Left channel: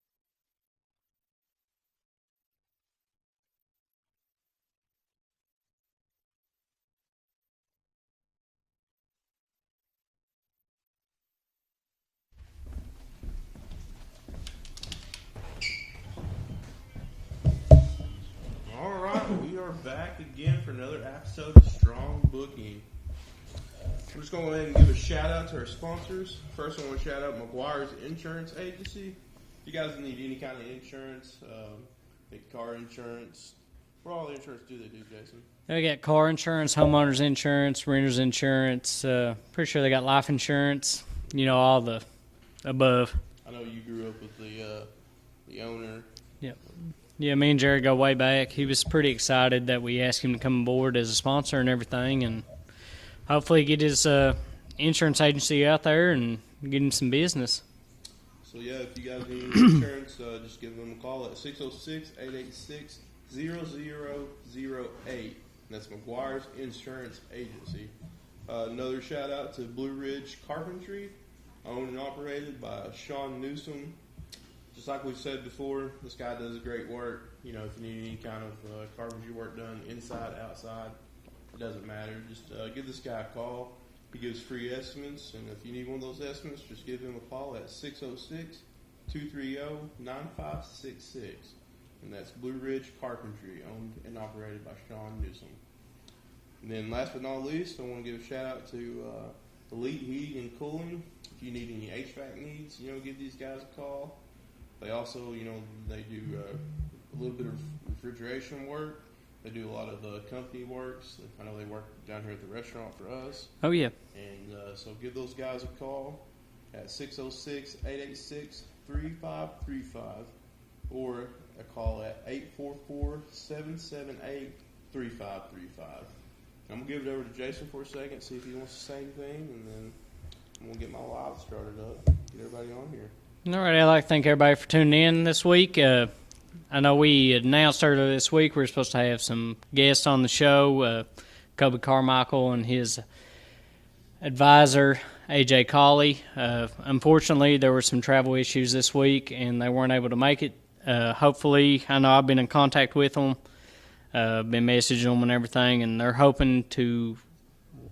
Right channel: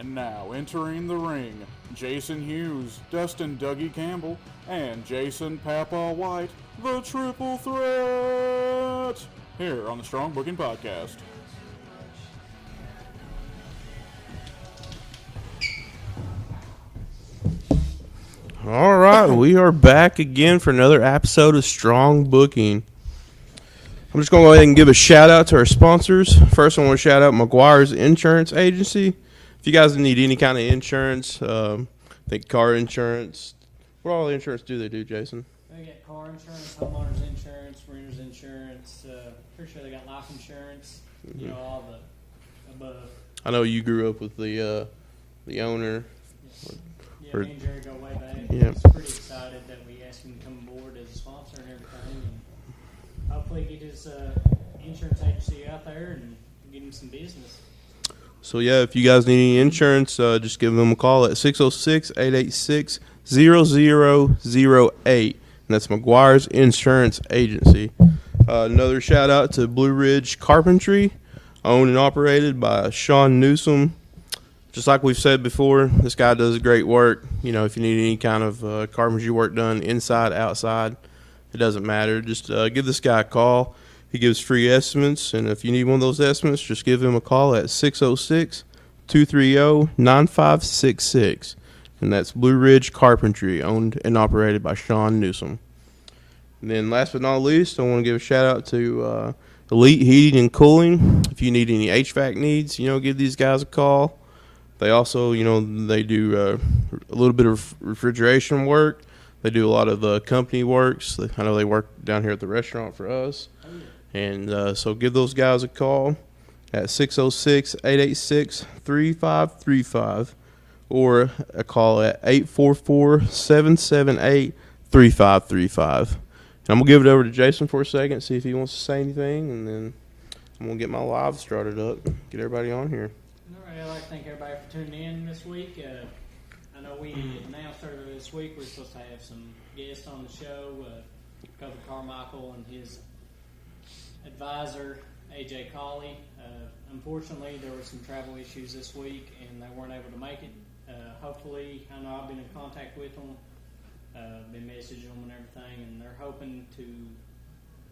And now entering the ring, Jason Hughes, Dustin Dougie Campbell, and Jason Papa White, the Triple Threat, here on the Strong Booking Podcast. All right, we are back again for another episode of Strong Booking. I'm just going to go ahead and give a shout out to our sponsors. First, I want to shout out McGuire's Insurance Agency. If you guys need any kind of insurance, I think car insurance. What all the insurance do they do, Jason? They got car insurance, homeowners insurance, renters insurance. Pretty sure they got life insurance. You know, all the above. I know you grew up with the owner. Yeah. Yeah, me and Jared go way back. He Yeah. was pretty excited that we asked him to come aboard as a sponsor and everything, and hopefully get his insurance agency out there and get him some business. So, yeah, if you guys need any insurance, just give them a call at 606-886-0008. And that's McGuire's Insurance Agency. Another shout-out to Blue Ridge Carpentry, owned and operated by Sean Newsom. Just like we've said before, this guy does great work. You know, if you need any kind of carpentry work done, inside, outside, it doesn't matter. Just give this guy a call. He gives free estimates, and if you need one of those estimates, just give him a call at 606-230-9566. And that's Blue Ridge Carpentry, owned and operated by Sean Newsom. And then last but not least, I want to give a shout-out to Elite Heating and Cooling. If you need any HVAC needs, give these guys a call. They also, they do a little bit of refrigeration work. They do a lot of company works. I know they work down here at the restaurant for us. Oh, yeah. And so give those guys a call at 606-886-3535 or a call at 844-778-3535. And I'm going to give it over to Jason for a second, see if he wants to say anything, and then I'm going to get my live started up, get everybody on here. All right, I'd like to thank everybody for tuning in this week. I know we announced earlier this week we were supposed to have some guests on the show, Kobe Carmichael and his advisor, AJ Colley. Unfortunately, there were some travel issues this week, and they weren't able to make it. Hopefully, I know I've been in contact with them, been messaging them and everything, and they're hoping to,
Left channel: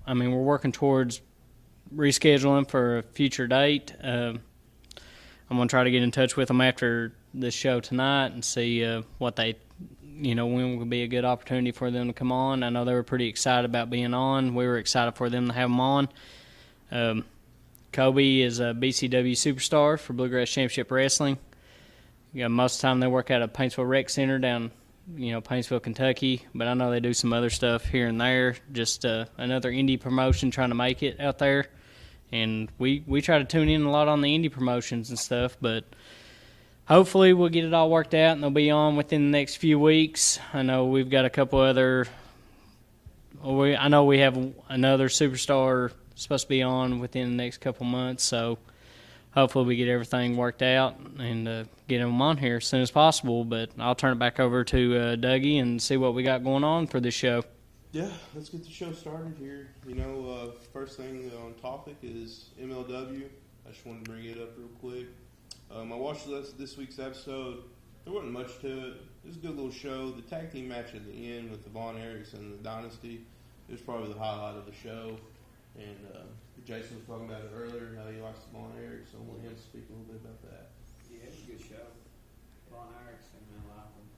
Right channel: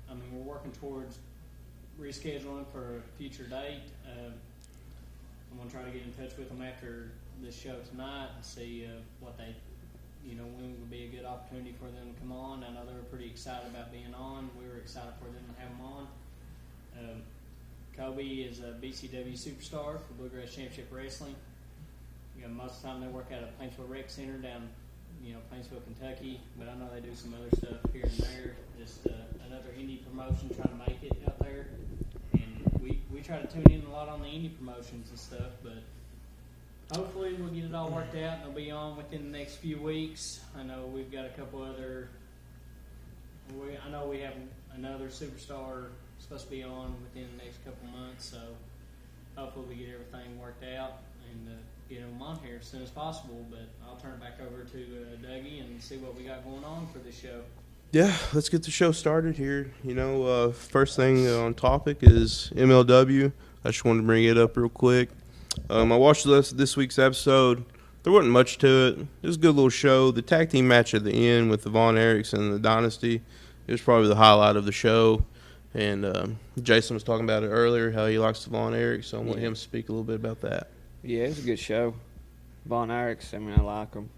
we're working towards rescheduling for a future date. I'm going to try to get in touch with them after this show tonight and see what they, when would be a good opportunity for them to come on. I know they were pretty excited about being on. We were excited for them to have them on. Kobe is a BCW superstar for Bluegrass Championship Wrestling. Most of the time they work out of Paintsville Rec Center down, Paintsville, Kentucky. But I know they do some other stuff here and there. Just another indie promotion trying to make it out there. And we try to tune in a lot on the indie promotions and stuff, but hopefully we'll get it all worked out and they'll be on within the next few weeks. I know we've got a couple other I know we have another superstar supposed to be on within the next couple months, so hopefully we get everything worked out and get them on here as soon as possible. But I'll turn it back over to Dougie and see what we got going on for this show. Yeah, let's get the show started here. First thing on topic is MLW. I just wanted to bring it up real quick. I watched this week's episode. There wasn't much to it. It was a good little show. The tag team match at the end with the Von Erichs and the Dynasty, it was probably the highlight of the show. And Jason was talking about it earlier, how he likes the Von Erichs, so I want him to speak a little bit about that. Yeah, it was a good show. Von Erichs, I like them.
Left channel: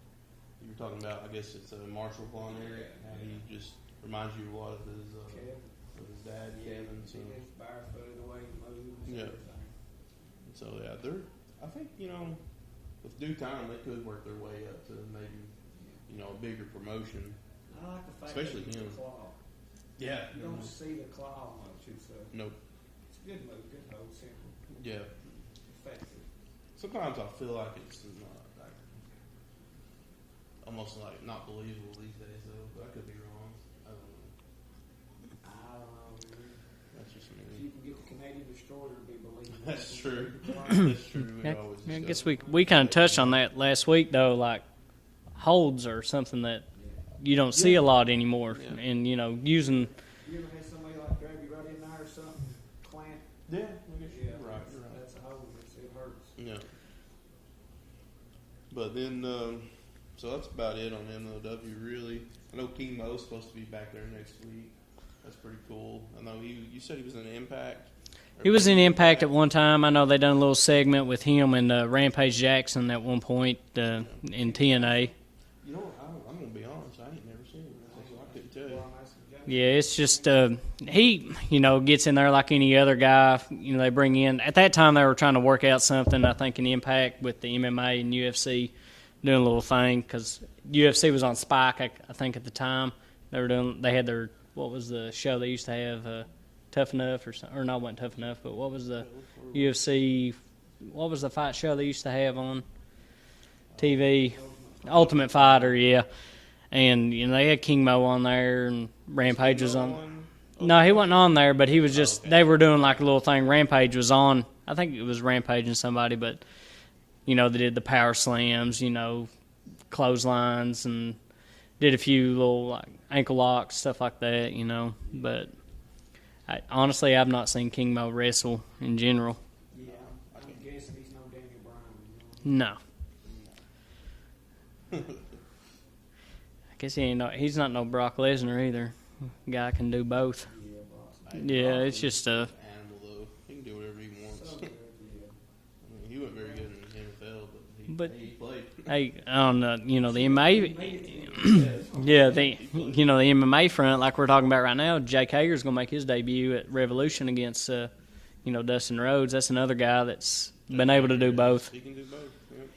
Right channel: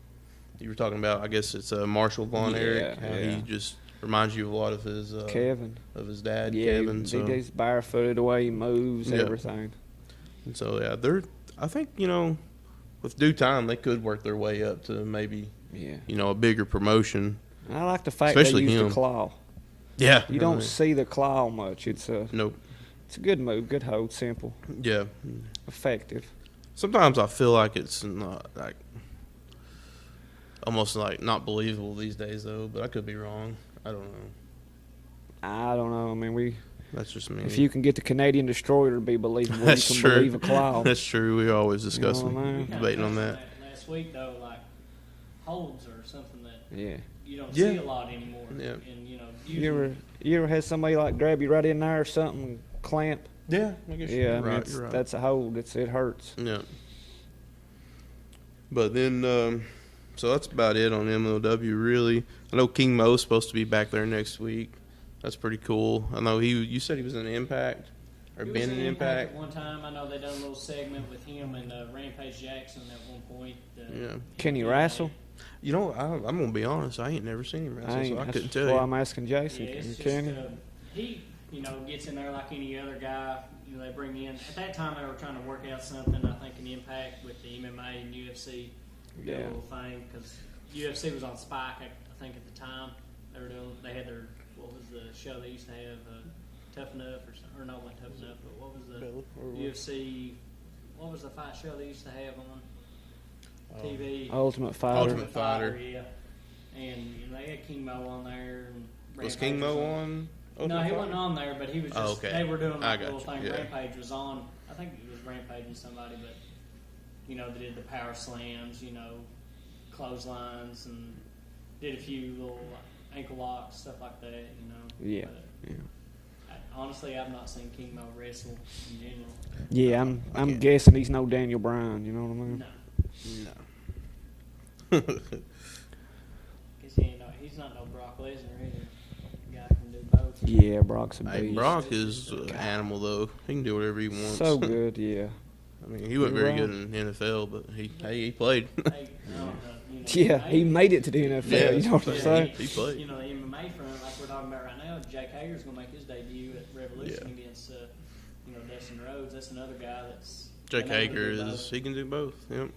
You were talking about, I guess it's Marshall Von Erich, how he just reminds you of a lot of his Kevin, of his dad, yeah, Kevin. He's barefooted, the way he moves, everything. And so I think with due time they could work their way up to maybe a bigger promotion. I like the fact Especially they use him. the claw. Yeah, you don't see the claw much. It's a good move, good hold, simple. Yeah, effective. Sometimes I feel like it's not almost not believable these days, though. But I could be wrong. I don't know. That's just me. If you can get the Canadian Destroyer to be believable, That's you can true. believe a cloud. That's true. We always discuss. We kind of touched on that last week, though. Like holds are something that you don't see a lot anymore, and using. You ever had somebody grab you right in there or something, clamp? Yeah, I guess you're right. That's a hold. It hurts. Yeah. But then, so that's about it on MLW, really. I know King Mo's supposed to be back there next week. That's pretty cool. I know you said he was in Impact. He was in Impact at one time. I know they done a little segment with him and Rampage Jackson at one point in TNA. Wrestle? You know, I'm going to be honest. I ain't never seen him wrestle, so I couldn't tell you. Well, I'm asking Jason. Yeah, it's just he, gets in there like any other guy. They bring in. At that time, they were trying to work out something, I think, in Impact with the MMA and UFC doing a little thing because UFC was on Spike, I think, at the time. They had their, what was the show they used to have, Tough Enough or something, or not, wasn't Tough Enough, but what was the UFC, what was the fight show they used to have on TV? Ultimate Fighter, yeah. And, they had King Mo on there and Rampage was on. No, he wasn't on there, but he was just, they were doing like a little thing. Yeah. Rampage was on, I think it was Rampage and somebody, but, they did the power slams, clotheslines and did a few little like ankle locks, stuff like that, Yeah. But honestly, I've not seen King Mo wrestle in general. Yeah, I'm guessing he's no Daniel Bryan. You know what I mean? No. I guess he's not no Brock Lesnar either. Guy can do both. Yeah, Brock's a big. Brock it's just an animal though. He can do whatever he wants. So good, yeah. I mean, he wasn't very good in the NFL, but he played. Hey, on the the MMA, he made it to the NFL. You know what I'm saying? The MMA front, like we're talking about right now, Jake Hager's gonna make his debut at Revolution against Dustin Rhodes. That's another guy that's been able to do both. He can do both. Yep.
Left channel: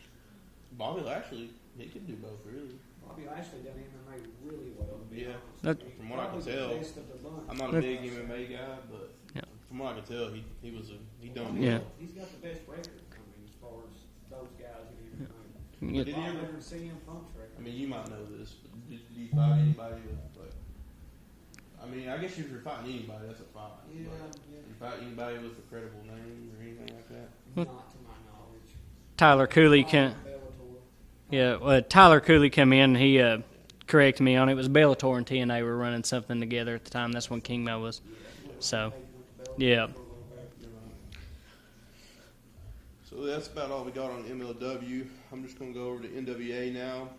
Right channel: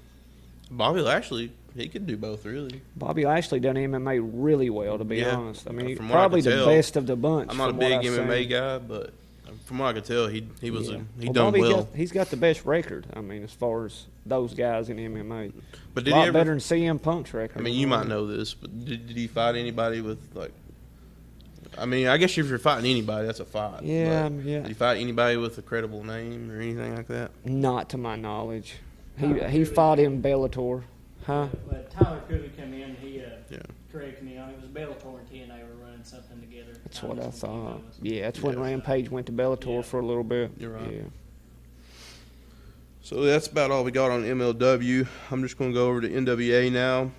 Bobby Lashley, he can do both, really. Bobby Lashley done MMA really well, to be honest. I mean, from probably the best of the bunch. I'm not a big MMA guy, but from what I could tell, he done Bobby well. He's got the best record. I mean, as far as those guys in MMA, but a lot better than CM Punk's record. I mean, you might know this, but did he fight anybody with like? I mean, I guess if you're fighting anybody, that's a fight. Yeah, yeah. Did he fight anybody with a credible name or anything like that? Not to my knowledge. Tyler he Cooley fought in Bellator. Huh? Yeah, Tyler Cooley come in. He corrected me on it. It was Bellator and TNA were running something together at the time. That's when King Mo was. Yeah, that's when Rampage went to Bellator for a little bit. You're right. Yeah. So that's about all we got on MLW. I'm just going to go over to NWA now.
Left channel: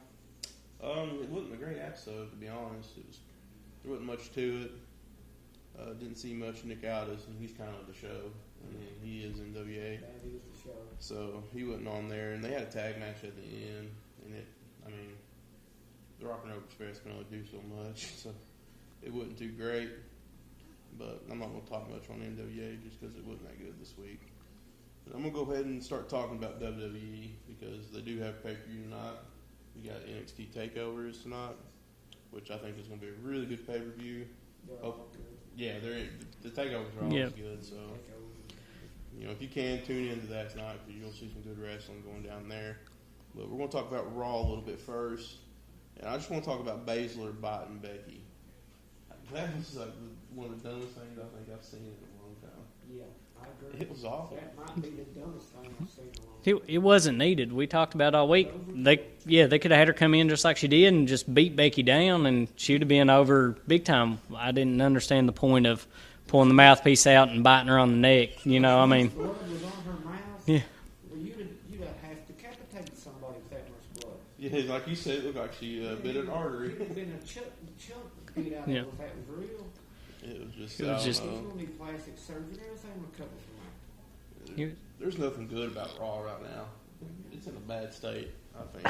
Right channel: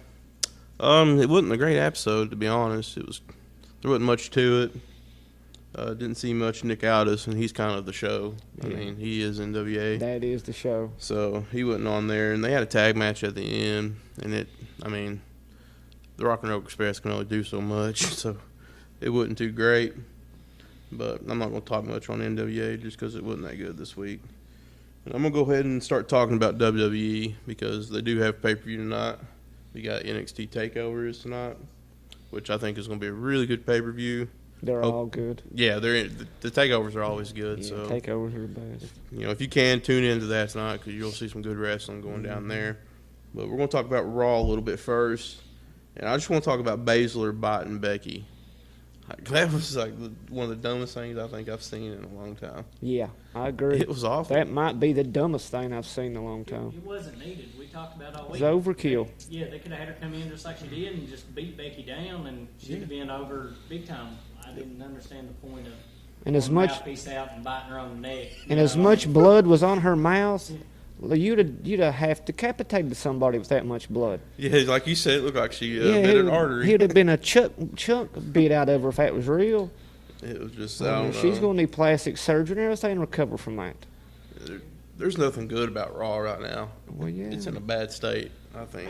It wasn't a great episode, to be honest. There wasn't much to it. Didn't see much Nick Aldis, and he's kind of the show. I mean, he is NWA. That is the show. So he wasn't on there, and they had a tag match at the end, and the Rock and Roll Express can only do so much, so it wasn't too great. But I'm not going to talk much on NWA just because it wasn't that good this week. And I'm going to go ahead and start talking about WWE because they do have pay-per-view tonight. We got NXT Takeovers tonight, which I think is going to be a really good pay-per-view. They're all good. Yeah, the takeovers are always good. Yeah, so takeovers are best. If you can, tune into that tonight because you'll see some good wrestling going down there. But we're going to talk about Raw a little bit first. And I just want to talk about Baszler biting Becky. That was like one of the dumbest things I think I've seen in a long time. Yeah, I agree. It was awful. That might be the dumbest thing I've seen in a long time. It wasn't needed. We talked about it all week. It was overkill. They could have had her come in just like she did and just beat Becky down, and she would have been over big time. I didn't understand the point of pulling the mouthpiece out and biting her on the neck. As much blood was on her mouth. Yeah. You'd have decapitated somebody with that much blood. Yeah, like you said, it looked like she bit an artery. He'd have been a chunk bit out of her if that was real. It was just, she's going to need plastic surgery and everything to recover from that. There's nothing good about Raw right now. Well, yeah. It's in a bad state, I think.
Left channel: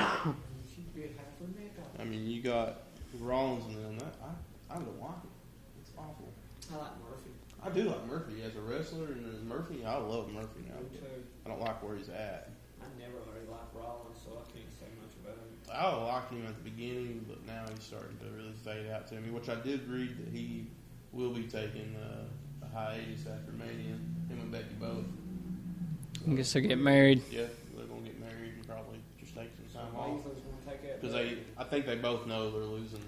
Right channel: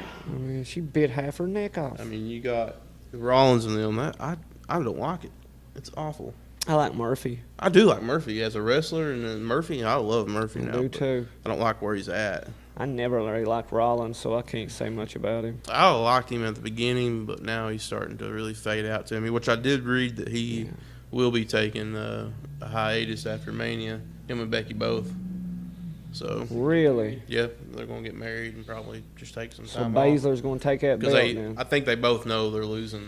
She bit half her neck off. I mean, you got Rollins and them. I don't like it. It's awful. I like Murphy. I do like Murphy as a wrestler, and then Murphy, I love Murphy now. I do too. I don't like where he's at. I never really liked Rollins, so I can't say much about him. I liked him at the beginning, but now he's starting to really fade out to me, which I did read that he will be taking a hiatus after Mania, him and Becky both. So get married. Yeah, they're going to get married and probably just take some time off. So Baszler's going to take that belt now. I think they both know they're losing.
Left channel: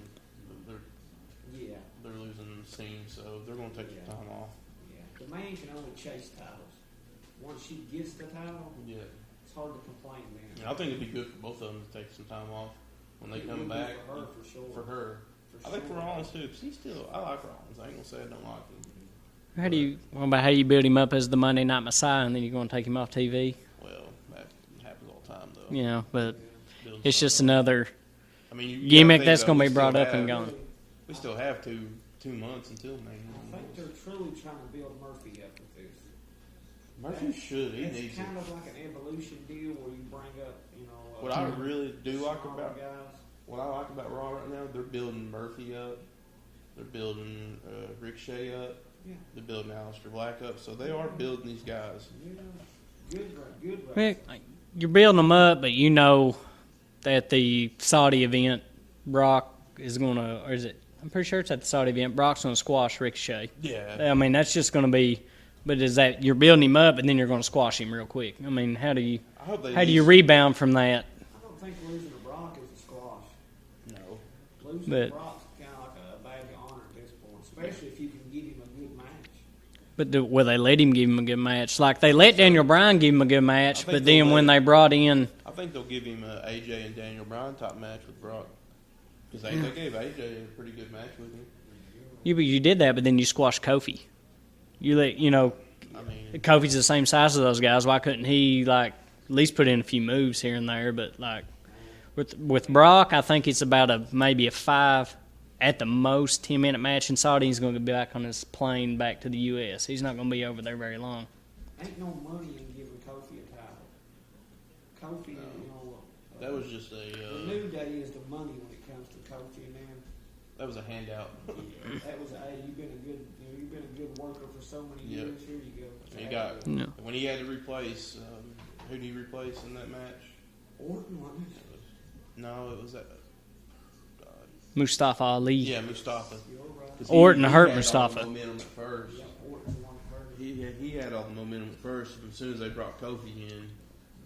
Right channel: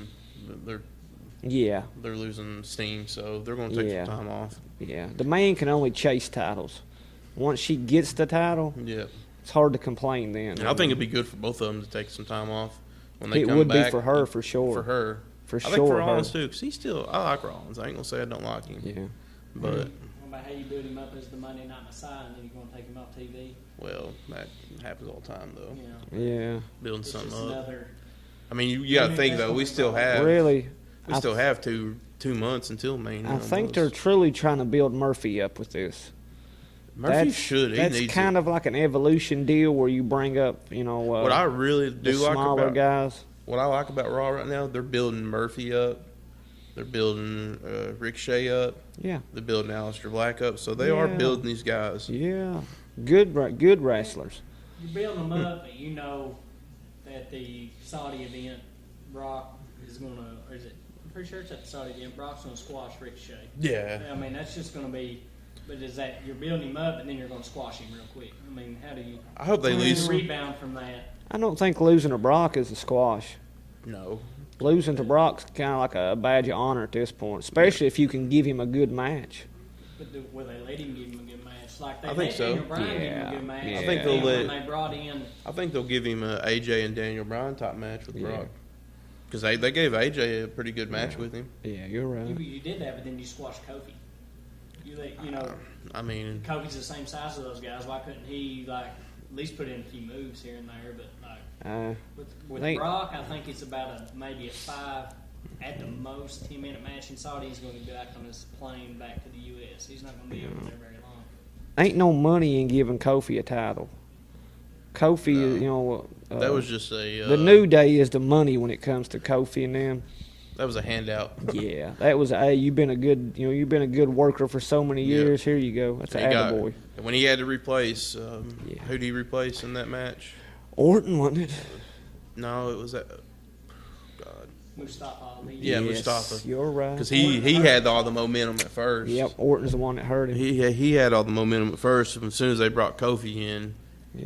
They're losing steam, so they're going to take some time off. Yeah, the man can only chase titles. Once she gets the title, it's hard to complain then. And I think it'd be good for both of them to take some time off when they come back. It would be for her, for sure. For her. For sure. I think for Rollins, too, because I like Rollins. I ain't going to say I don't like him. Yeah. What about how you build him up as the Monday Night Messiah, and then you're going to take him off TV? Well, happens all the time, though. Yeah, but Building it's just something up. another I mean, you gimmick think, that's though, going to we be brought still up. have- Really, We still have two months until Main. I think they're truly trying to build Murphy up with this. Murphy should. He That's needs kind it. of like an evolution deal where you bring up, What I really do the like smaller about guys. what I like about Raw right now, they're building Murphy up. They're building Ricochet up. Yeah. They're building Aleister Black up. So they are building these guys. Yeah. Good wrestlers. You're building them up, but you know that the Saudi event, Brock is going to, or is it? I'm pretty sure it's at the Saudi event. Brock's going to squash Ricochet. Yeah. I mean, that's just going to be. But is that you're building him up and then you're going to squash him real quick? I mean, how do you rebound from that? I don't think losing to Brock is a squash. No. Losing to Brock's kind of like a badge of honor at this point, especially if you can give him a good match. But will they let him give him a good match? Like they let Daniel Bryan give him a good match, but then when they brought in, I think they'll give him a AJ and Daniel Bryan type match with Brock, because they gave AJ a pretty good match with him. Yeah, you're right. you did that, but then you squashed Kofi. I mean, Kofi's the same size as those guys. Why couldn't he at least put in a few moves here and there? But with Brock, I think it's about maybe a 5 at the most 10-minute match in Saudi. He's going to be back on his plane back to the U.S. He's not going to be over there very long. Ain't no money in giving Kofi a title. Kofi, that was just a. The New Day is the money when it comes to Kofi and them. That was a handout. Yeah, that was you've been a good worker for so many years. Here you go. That's an attaboy. When he had to replace, who did he replace in that match? Orton, wasn't it? No, it was that. Mustafa Ali. Yeah, Mustafa. You're right. Because he had Mustafa. all the momentum at first. Yep, Orton's the one that hurt him. He had all the momentum at first. As soon as they brought Kofi in,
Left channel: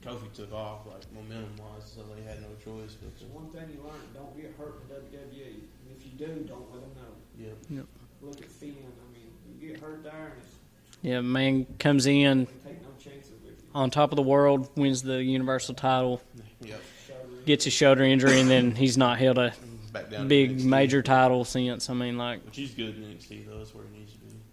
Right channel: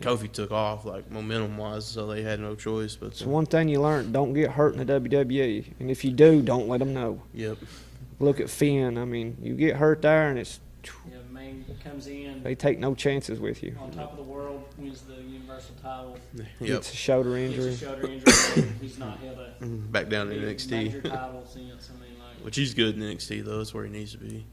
Kofi took off momentum-wise, so they had no choice. But it's one thing you learned: don't get hurt in the WWE, and if you do, don't let them know. Yep. Look at Finn. I mean, you get hurt there, and it's man comes in. They take no chances with you. On top of the world, wins the Universal title. Gets a shoulder injury, and then he's not held a back down big to NXT. major title since. I mean, which he's good in NXT though. That's where he needs to be.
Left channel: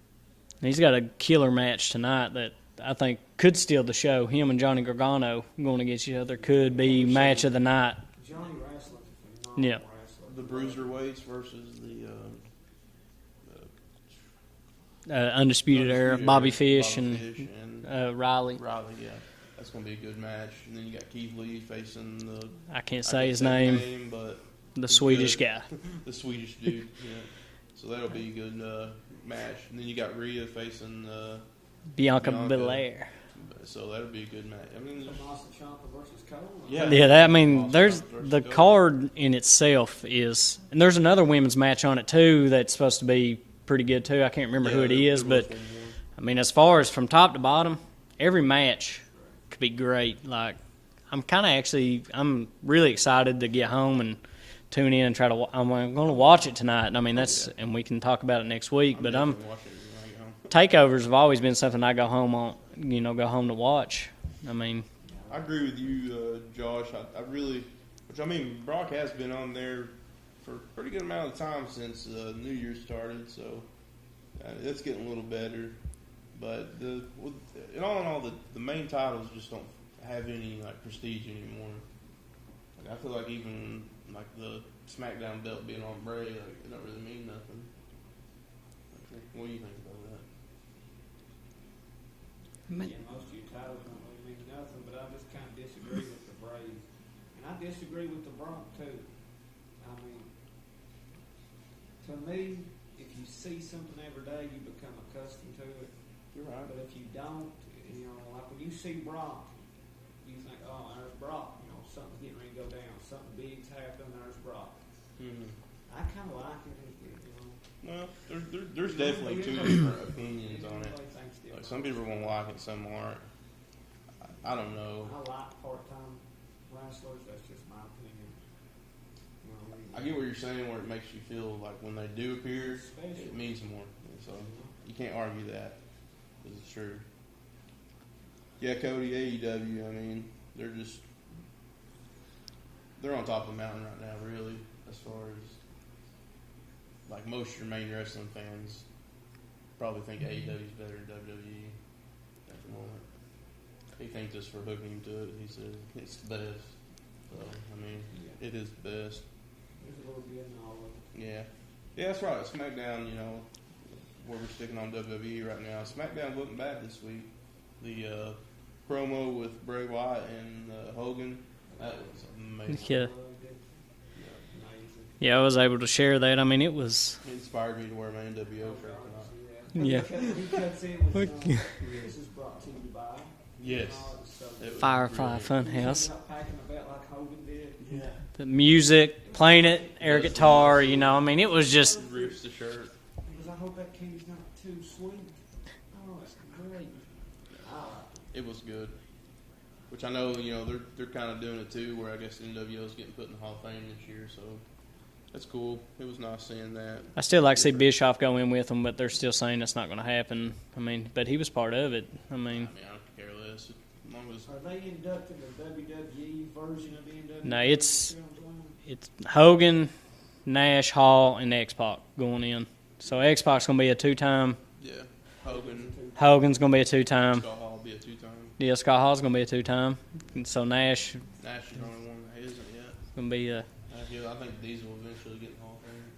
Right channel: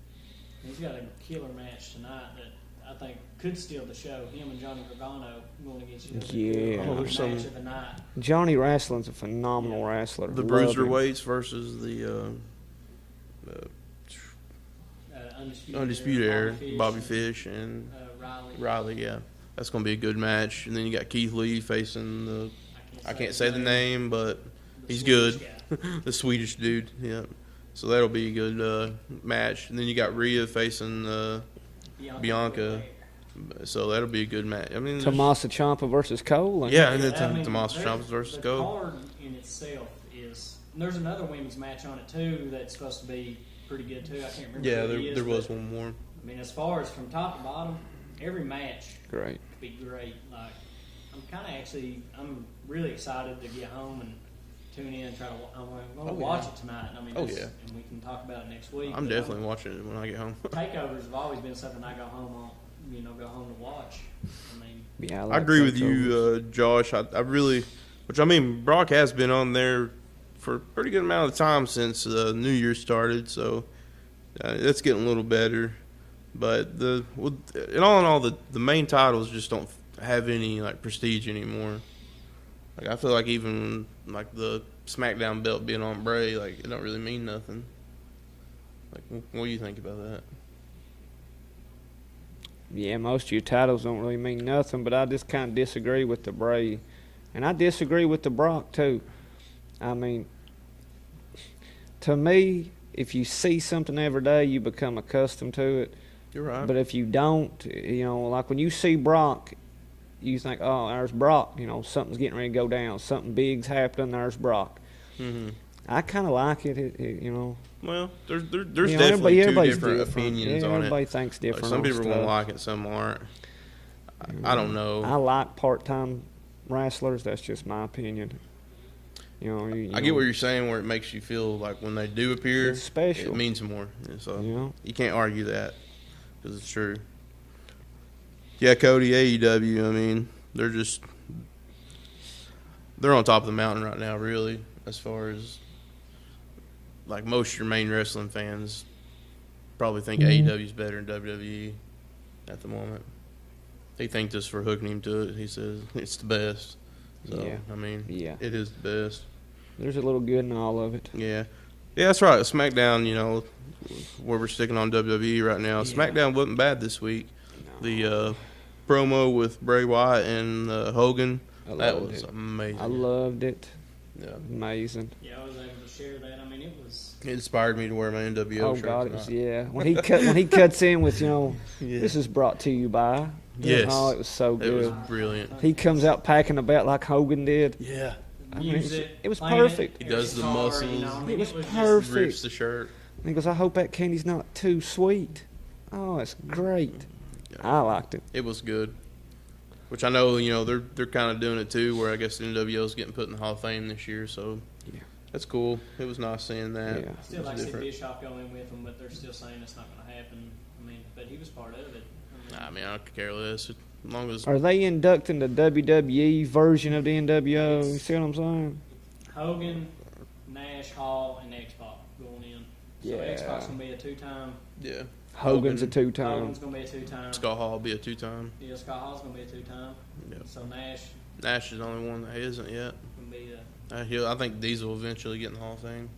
He's got a killer match tonight that I think could steal the show. Him and Johnny Gargano going against each other could be match of the night. Johnny Wrestling's a phenomenal wrestler. The bruiserweights versus the Undisputed Era, Bobby Fish and Riley. Riley, yeah. That's going to be a good match. And then you got Keith Lee facing the... I can't say his name, but the Swedish good. guy. The Swedish dude, yeah. So that'll be a good match. And then you got Rhea facing Bianca Belair. So that'll be a good match. I mean, Tommaso Ciampa versus Cole. There's the card in itself is, and there's another women's match on it too that's supposed to be pretty good too. I can't remember who it is, but I mean, as far as from top to bottom, every match could be great. Like, I'm really excited to get home and tune in and try to. I'm going to watch it tonight. I mean, and we can talk about it next week. I'm definitely watching it when I get home. Takeovers have always been something I go home on. Go home to watch. I mean, I agree with you, Josh. I really, Brock has been on there for a pretty good amount of time since New Year started, so that's getting a little better. But in all, the main titles just don't have any prestige anymore. I feel like even the SmackDown belt being on Bray, it don't really mean nothing. What do you think about that? Yeah, most of your titles don't really mean nothing, but I just kind of disagree with the Bray. And I disagree with the Brock, too. I mean, to me, if you see something every day, you become accustomed to it. You're right. But if you don't, when you see Brock, you think, oh, there's Brock. Something's getting ready to go down. Something big's happening, there's Brock. Mm-hmm. I kind of like it, Well, there's definitely two different opinions on it. Everybody thinks different. Some people won't like it, some aren't. I don't know. I like part-time wrestlers. That's just my opinion. I get what you're saying, where it makes you feel like when they do appear, it's special. It means more. So you can't argue that because it's true. Yeah, Cody, AEW. They're on top of the mountain right now, really, as far as. Most of your main wrestling fans probably think AEW is better than WWE at the moment. He thanked us for hooking him to it. He says it's the best. So, Yeah. I mean, Yeah. it is the best. There's a little good in all of it. Yeah. Yeah, that's right. SmackDown, where we're sticking on WWE right now. Yeah. SmackDown wasn't bad this week. The promo with Bray Wyatt and Hogan, that was amazing. I Yeah. loved it. Yeah. Amazing. Yeah, I was able to share that. I mean, it was. It inspired me to wear my NWO Oh shirt God, it tonight. was, yeah. When he cuts in with Yeah. this is brought to you by. Yes. Oh, it was so It good. was Firefly brilliant. Funhouse. He comes out packing a belt like Hogan did. Yeah. The music, it was playing perfect. it, air Does the guitar. muscles. I mean, it was It just. was perfect. Rips the shirt. And he goes, I hope that candy's not too sweet. Oh, it's great. I liked it. It was good. Which I know, they're kind of doing it too, where I guess the NWO is getting put in the Hall of Fame this year, so Yeah. that's cool. It was nice seeing that. Yeah. I still like to see Different. Bischoff go in with them, but they're still saying that's not going to happen. I mean, but he was part of it. I mean, I could care less. As long as Are they inducting the WWE version of the NWO? No, You it's- see what I'm saying? it's Hogan, Nash, Hall, and X-Pac going in. So Yeah. X-Pac's going to be a two-time. yeah, Hogan's a two-time. Hogan's going to be a two-time. Scott Hall will be a 2-time. Yeah, Scott Hall's going to be a two-time. And so Nash Nash is the only one that isn't yet. going to be a. I think Diesel will eventually get in the Hall of Fame.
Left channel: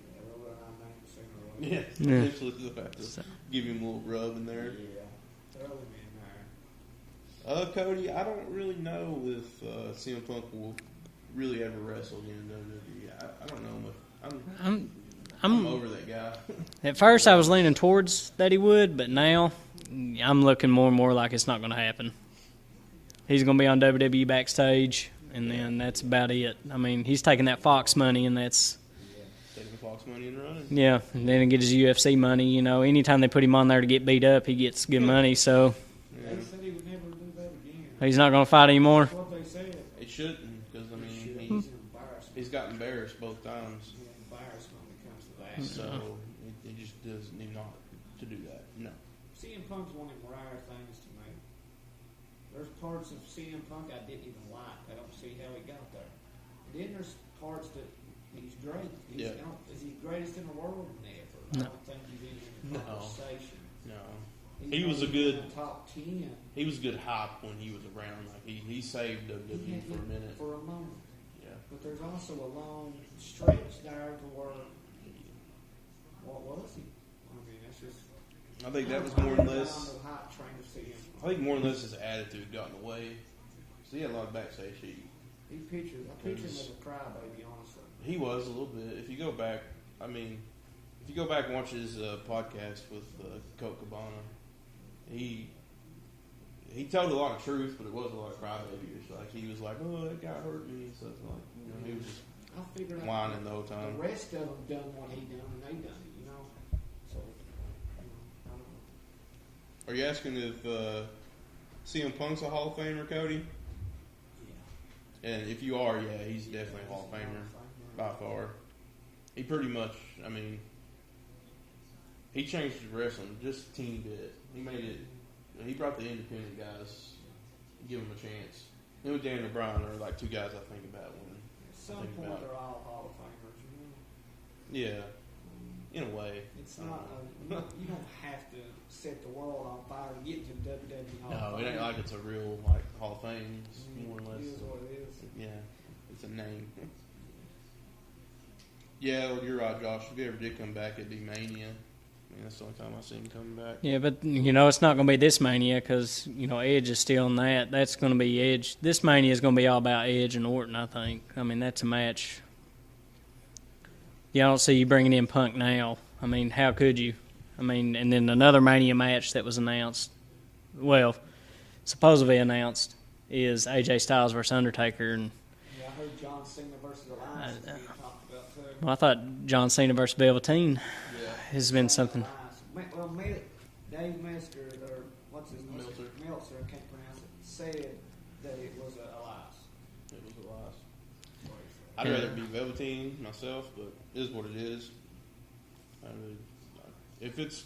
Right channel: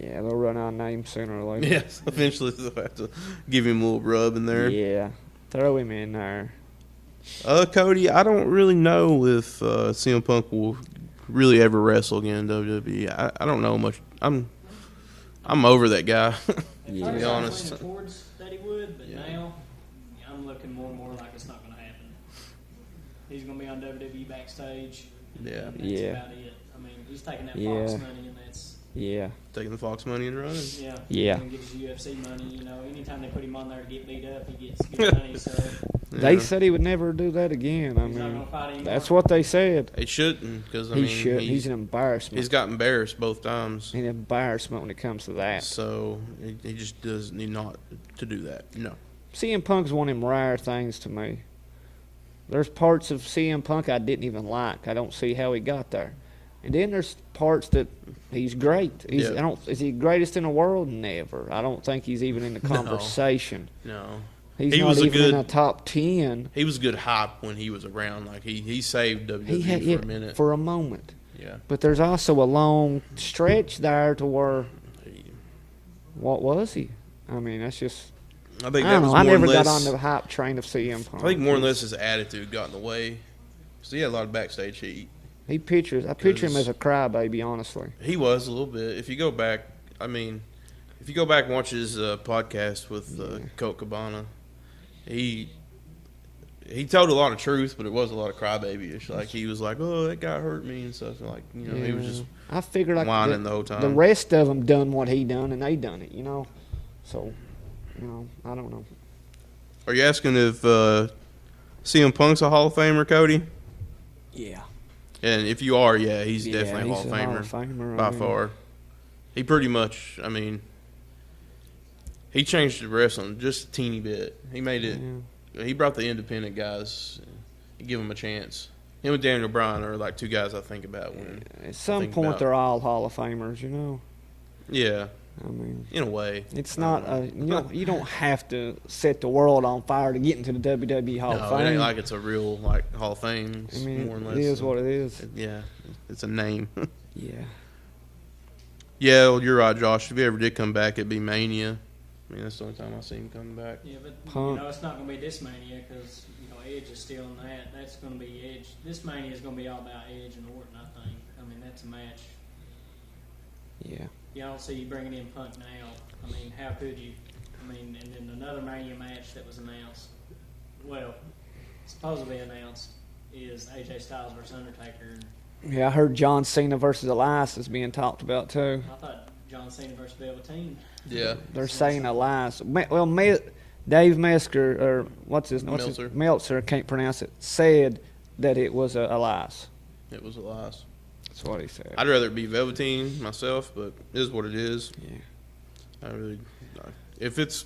Yeah, they'll run out of names sooner or later. Yes, eventually they'll have to give him a little rub in there. Yeah. Throw him in there. Cody, I don't really know if CM Punk will really ever wrestle again in WWE. I don't know much. I'm over that guy. At first, I was honest. leaning towards that he would, but now I'm looking more and more like it's not going to happen. He's going to be on WWE backstage, and then that's Yeah. about it. I mean, he's taking that Fox Yeah. money, and that's Yeah. Taking the Fox money and running. yeah. Yeah. And get his UFC money. Anytime they put him on there to get beat up, he gets good money. So They Yeah. said he would never do that again. he's not going to fight anymore. That's what they said. He shouldn't, because I He mean, should. He's an embarrassment. he's got embarrassed both times. an embarrassment when it comes to that. So he just does need not to do that. No. CM Punk's one of them rare things to me. There's parts of CM Punk I didn't even like. I don't see how he got there. And then there's parts that he's great. He's Yeah. is he greatest in the world? Never. I don't think he's even in the No. conversation. No. He's He not was a even in good- the top 10. He was good hype when he was around. Like he saved WWE He had for a minute. for a moment. Yeah. But there's also a long stretch there to where what was he? I mean, that's just I think I that don't was know. I more never or got less, on the hype train of CM Punk. I think more or less his attitude got in the way. So he had a lot of backstage heat. I picture him 'Cause- as a crybaby, honestly. He was a little bit. If you go back, if you go back and watch his podcast with Colt Cabana, he told a lot of truth, but it was a lot of crybaby-ish. Like he was like, "Oh, that guy hurt me" and stuff. Like he was just I figured like whining the whole time. the rest of them done what he done, and they done it, So, I don't know. Are you asking if CM Punk's a Hall of Famer, Cody? Yeah. And if you are, yeah, he's definitely a he's Hall of Famer. I By mean, far. He pretty much, he changed the wrestling just a teeny bit. He made it, he brought the independent guys, he give them a chance. Him and Daniel Bryan are like two guys I think about when, At some think point, about- they're all Hall of Famers, yeah, I mean, in a way. it's I not don't know. you don't have to set the world on fire to get into the WWE Hall of No, Fame. it ain't like it's a real like Hall of Fame. I It's mean, more or less. it is what it is. Yeah, it's a name. Yeah. Yeah, well, you're right, Josh. If he ever did come back, it'd be Mania. That's the only time I see him coming back. Yeah, but it's not going to be this Mania because Edge is still in that. That's going to be Edge. This Mania is going to be all about Edge and Orton. I think. I mean, that's a match. Yeah. Yeah, I don't see you bringing in Punk now. I mean, how could you? I mean, and then another Mania match that was announced. Well, supposedly announced is AJ Styles versus Undertaker, and Yeah, I heard John Cena versus Elias is being talked about too. I thought John Cena versus Velveteen. Yeah. They're has been saying something. Elias. Dave Mesker or what's his Meltzer. Meltzer, can't pronounce it, said that it was Elias. It was a loss. That's what he said. I'd rather it be Velveteen myself, but it is what it is. Yeah. I really, if it's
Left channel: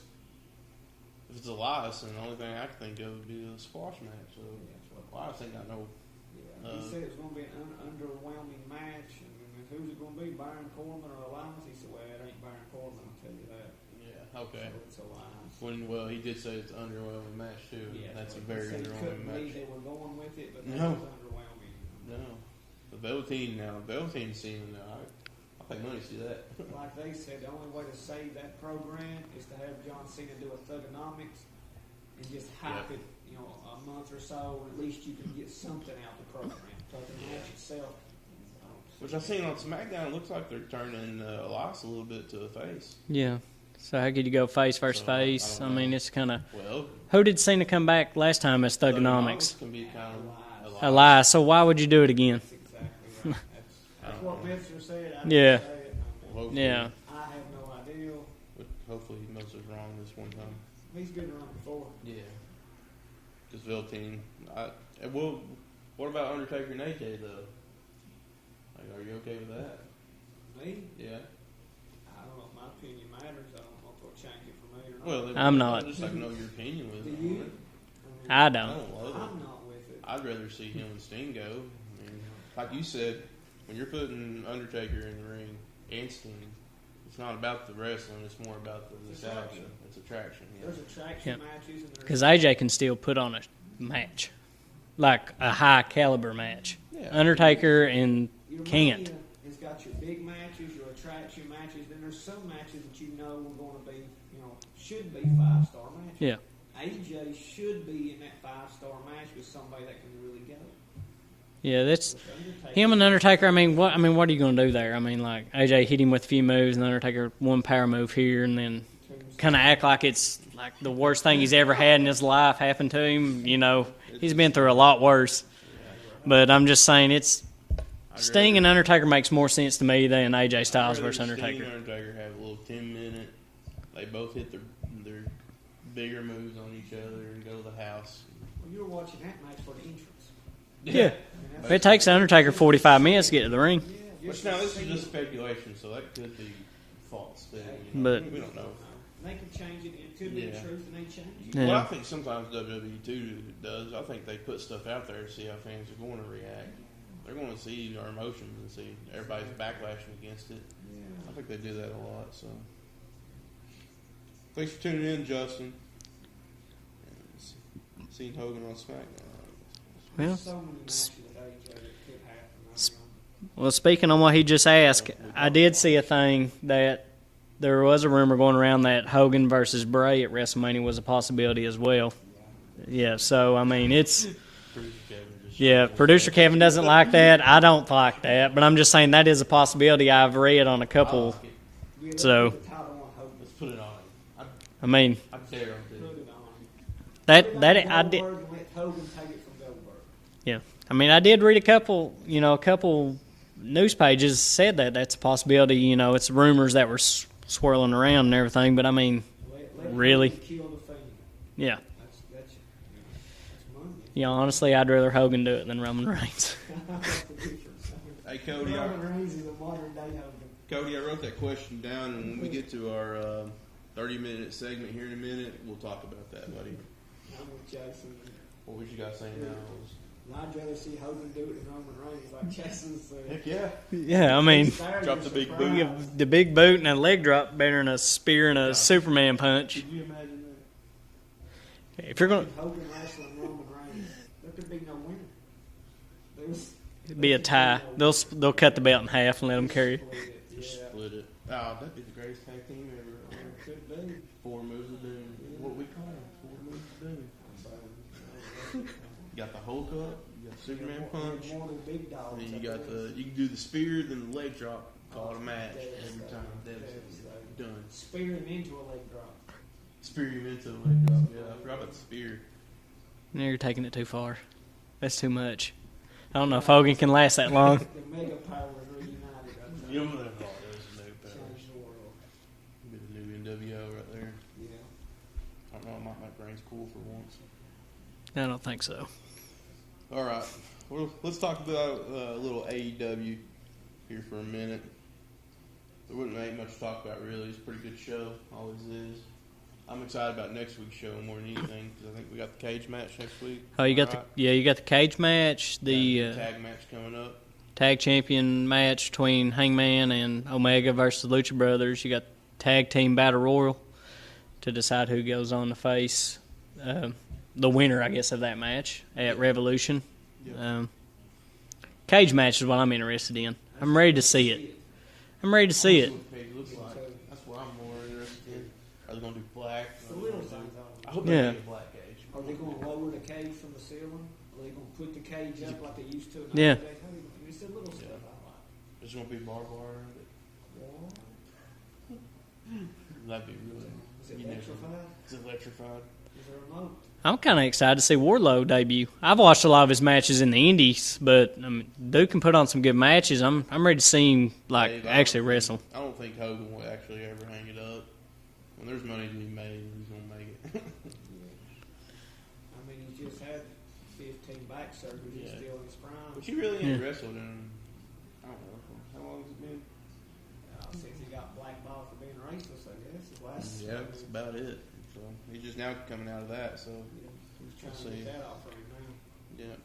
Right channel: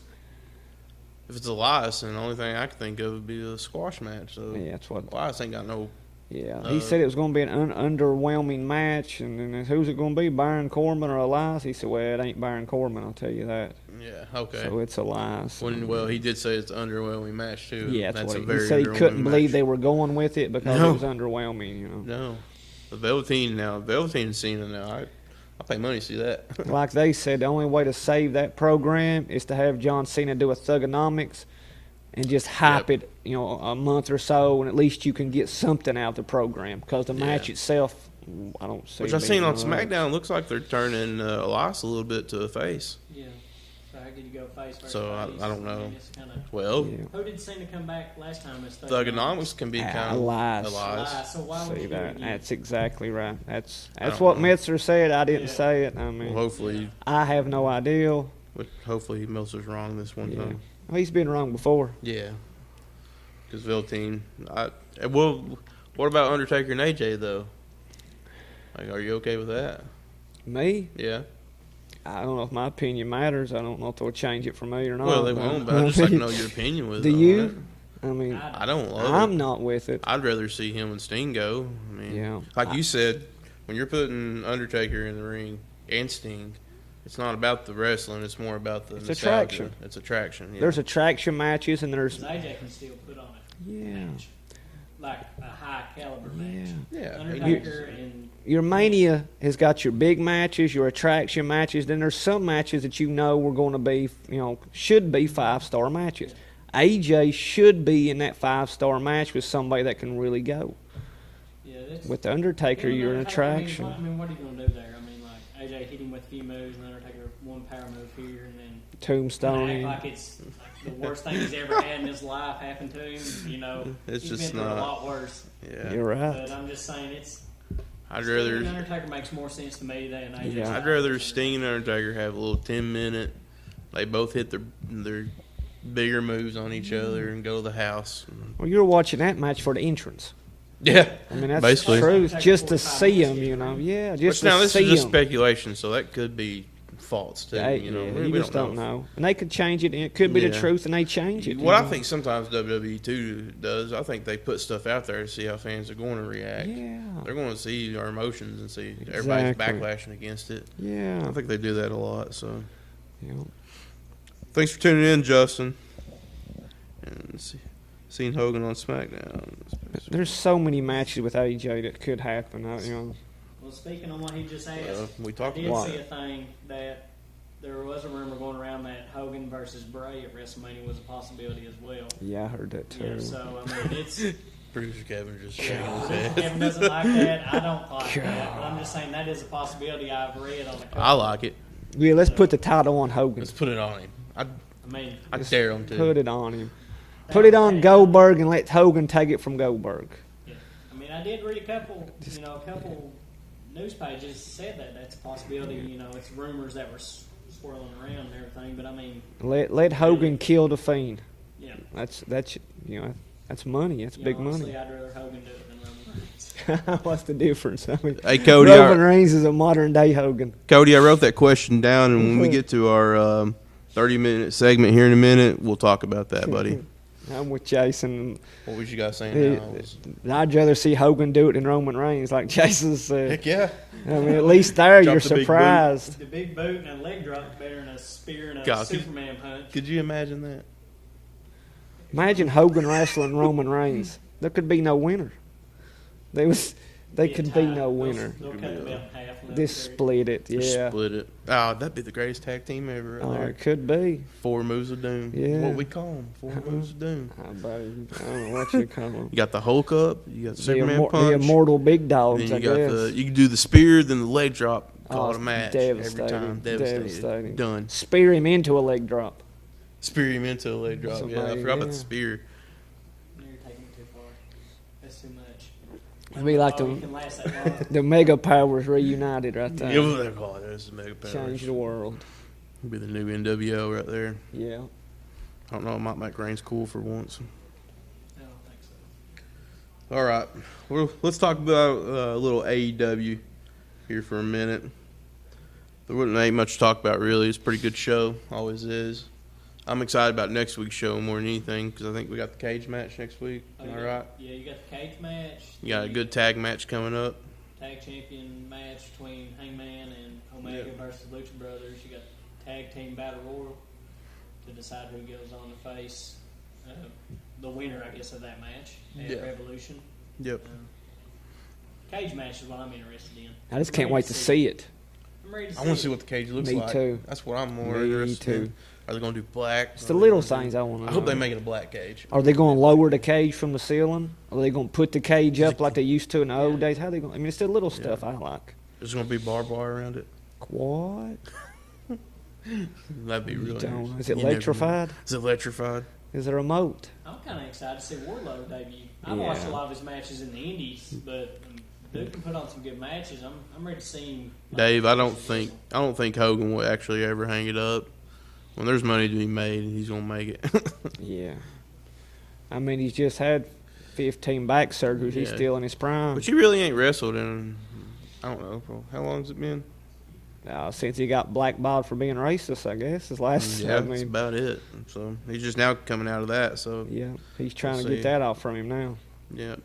Elias, then the only thing I can think of would be a squash match. So Yeah, that's what. Elias ain't got no. Yeah, he said it was going to be an underwhelming match, and then who's it going to be, Baron Corbin or Elias? He said, "Well, it ain't Baron Corbin, I'll tell you that." Yeah, okay. So it's a lie. So. Well, he did say it's an underwhelming match, too. Yeah, that's a what very he said. He couldn't underwhelming believe match. they were going with it because No. it was underwhelming. No. The Velveteen and Cena now, I'll pay money to see that. Like they said, the only way to save that program is to have John Cena do a Thugonomics and just hype it, a month or so, and at least you can get something out of the program because the match itself, I don't see. Which I've seen on SmackDown, looks like they're turning Elias a little bit to a face. Yeah. So how could you go face versus face? I don't know. mean, it's kind of. Well, Who did Cena come back last time as Thugonomics? Can be kind of Elias. Elias. So why would you do it again? That's exactly right. That's what Meltzer said. I didn't say it. I mean, hopefully, I have no idea. Hopefully, Meltzer's wrong this one time. Well, he's been wrong before. Yeah. Because Velveteen, well, what about Undertaker and AJ though? Like, are you okay with that? Me? Yeah. I don't know if my opinion matters. I don't know if they'll change it for me or not. Well, I'm not. I'd just like to know your opinion with it. Do you? I mean, I I don't love I'm it. not with it. I'd rather see him and Sting go. I mean, like you said, when you're putting Undertaker in the ring and Sting, it's not about the wrestling. It's more about the attraction. It's attraction. Yeah. There's attraction matches, and there's Because AJ can still put on a match, like a high caliber match. Yeah. Undertaker and your can't. Mania has got your big matches, your attraction matches. Then there's some matches that were going to be, should be 5-star matches. Yeah. AJ should be in that 5-star match with somebody that can really go. Yeah, that's With Undertaker. him and your Undertaker. attraction. What are you going to do there? I mean, like AJ hit him with a few moves, and Undertaker one power move here, and then Tombstone. kind of act like it's like the worst thing he's ever had in his life happened to him. It's He's just been through a not- lot worse. Yeah. You're right. But I'm just saying, it's I'd Sting and rather- Undertaker makes more sense to me than AJ Yeah, I'd Styles I'd rather versus Sting and Undertaker. Undertaker have a little 10-minute. They both hit their bigger moves on each other and go to the house. Well, you're watching that match for the entrance. Yeah. I mean, that's Basically. It takes the truth, Undertaker just to 45 see minutes to him, get to the ring. Yeah, Which just now to this see is just him. speculation, so that could be false too. But We you just don't know. And they could change it, and it could be the Yeah. truth, and they change it. Yeah. What I think sometimes WWE too does, I think they put stuff out there to see how fans are going to react. Yeah. They're going to see our emotions and see everybody's Exactly. backlashing against it. Yeah. I think they do that a lot. So Yeah. thanks for tuning in, Justin. And seen Hogan on SmackDown. There's so many matches with AJ that could happen. Well, speaking on what he just asked, we I talked did about see it. a thing that there was a rumor going around that Hogan versus Bray at WrestleMania was a possibility as well. Yeah, I heard that too. Yeah, so I mean, it's Producer Kevin just Producer Kevin doesn't like that. I don't like that, but I'm just saying that is a possibility. I've read on a couple. I like it. Yeah, let's So- put the title on Hogan. Let's put it on him. I mean, I dare him to. Put it on him. that, Put it on that- Goldberg and let Hogan take it from Goldberg. Yeah, I mean, I did read a couple news pages said that that's a possibility. It's rumors that were swirling around and everything, but I mean, Let Really? Hogan kill the Fiend. yeah. That's that's money. That's big Honestly, I'd rather Hogan do it than Roman Reigns. money. What's the difference? I mean, Hey Cody, Roman Reigns is a modern day Hogan. Cody, I wrote that question down, and when we get to our 30-minute segment here in a minute, we'll talk about that, buddy. I'm with Jason. What was you guys saying now? I'd rather see Hogan do it than Roman Reigns, like Jason said. Heck yeah. Yeah, I at mean, least there drop you're the big surprised. The big boot and a leg drop better than a spear and a God. Superman punch. Could you imagine that? If you're Imagine gonna- Hogan wrestling Roman Reigns. There could be no winner. They be a could tie. be no they'll winner. they'll cut the belt in half and let them Just carry. split it. Just Yeah. split it. Oh, that'd be the greatest tag team ever right Oh, there. it could be. 4 moves of doom. Yeah. What we call them. 4 moves of doom. I don't know what you call them. You got the Hulk up. You got the Superman The punch. immortal big Then dogs, you I got guess. you can do the spear, then the leg drop. Call Oh, it a match devastating, every time. devastating. Done. Spear him into a leg drop. Spear him into a leg drop. Yeah, I Somebody, forgot about yeah. the spear. Now you're taking it too far. That's too much. I don't Be know if like Hogan the- can last that long. The mega powers reunited right there. Yeah, what they call it. This is Mega Powers. Change the world. It'll be the new NWO right there. Yeah. I don't know. It might make Reigns cool for once. I don't think so. All right. Well, let's talk about a little AEW here for a minute. There ain't much to talk about, really. It's a pretty good show. Always is. I'm excited about next week's show more than anything because I think we got the cage match next week. Oh, you got Right? you got the cage match, You got a the good tag match coming up. tag champion match between Hangman and Omega versus the Lucha Brothers. You got tag team battle royal. to decide who goes on to face the winner, I guess, of that match at Revolution. Yep. Cage match is what I'm interested in. I just I'm can't ready wait to see it. I'm ready to I see want to it. see what the cage looks Me like. too. That's what I'm more Me interested too. in. Are they going to do black? It's the little things I want to I know. hope they Yeah. make it a black cage. Are they going to lower the cage from the ceiling? Are they going to put the cage up like they used to in the Yeah. old days? How they going? I mean, it's the little stuff I like. There's going to be barbed wire around it. What? That'd be really Don't. nice. Is it You never know. electrified? Is it electrified? Is it a remote? I'm kind of excited to see Wardlow debut. I've watched a lot of his matches in the Indies, but dude can put on some good matches. I'm ready to see him Dave, I actually wrestle. don't think Hogan will actually ever hang it up. When there's money to be made, he's going to make it. Yeah. I mean, he's just had 15 back surgeries. He's Yeah. still in his prime. But he really ain't wrestled in, I don't know, how long's it been? Since he got blackballed for being racist, I guess. His last, Yeah, I that's mean, about it. So he's just now coming out of that. So yeah, he's trying We'll to see. get that off from him now. yeah.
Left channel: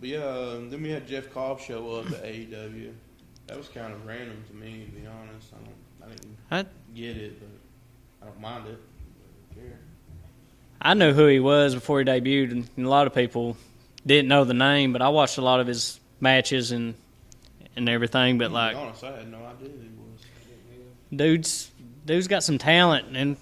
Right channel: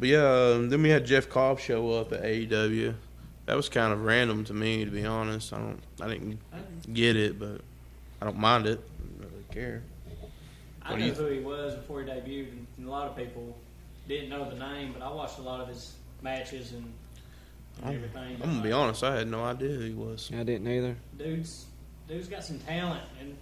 But yeah, then we had Jeff Cobb show up at AEW. That was kind of random to me, to be honest. I didn't get it, but I don't mind it. I don't care. I knew who he was before he debuted, and a lot of people didn't know the name, but I watched a lot of his matches and everything. But To like, be honest, I had no idea who he was. I didn't either. dude's got some talent, and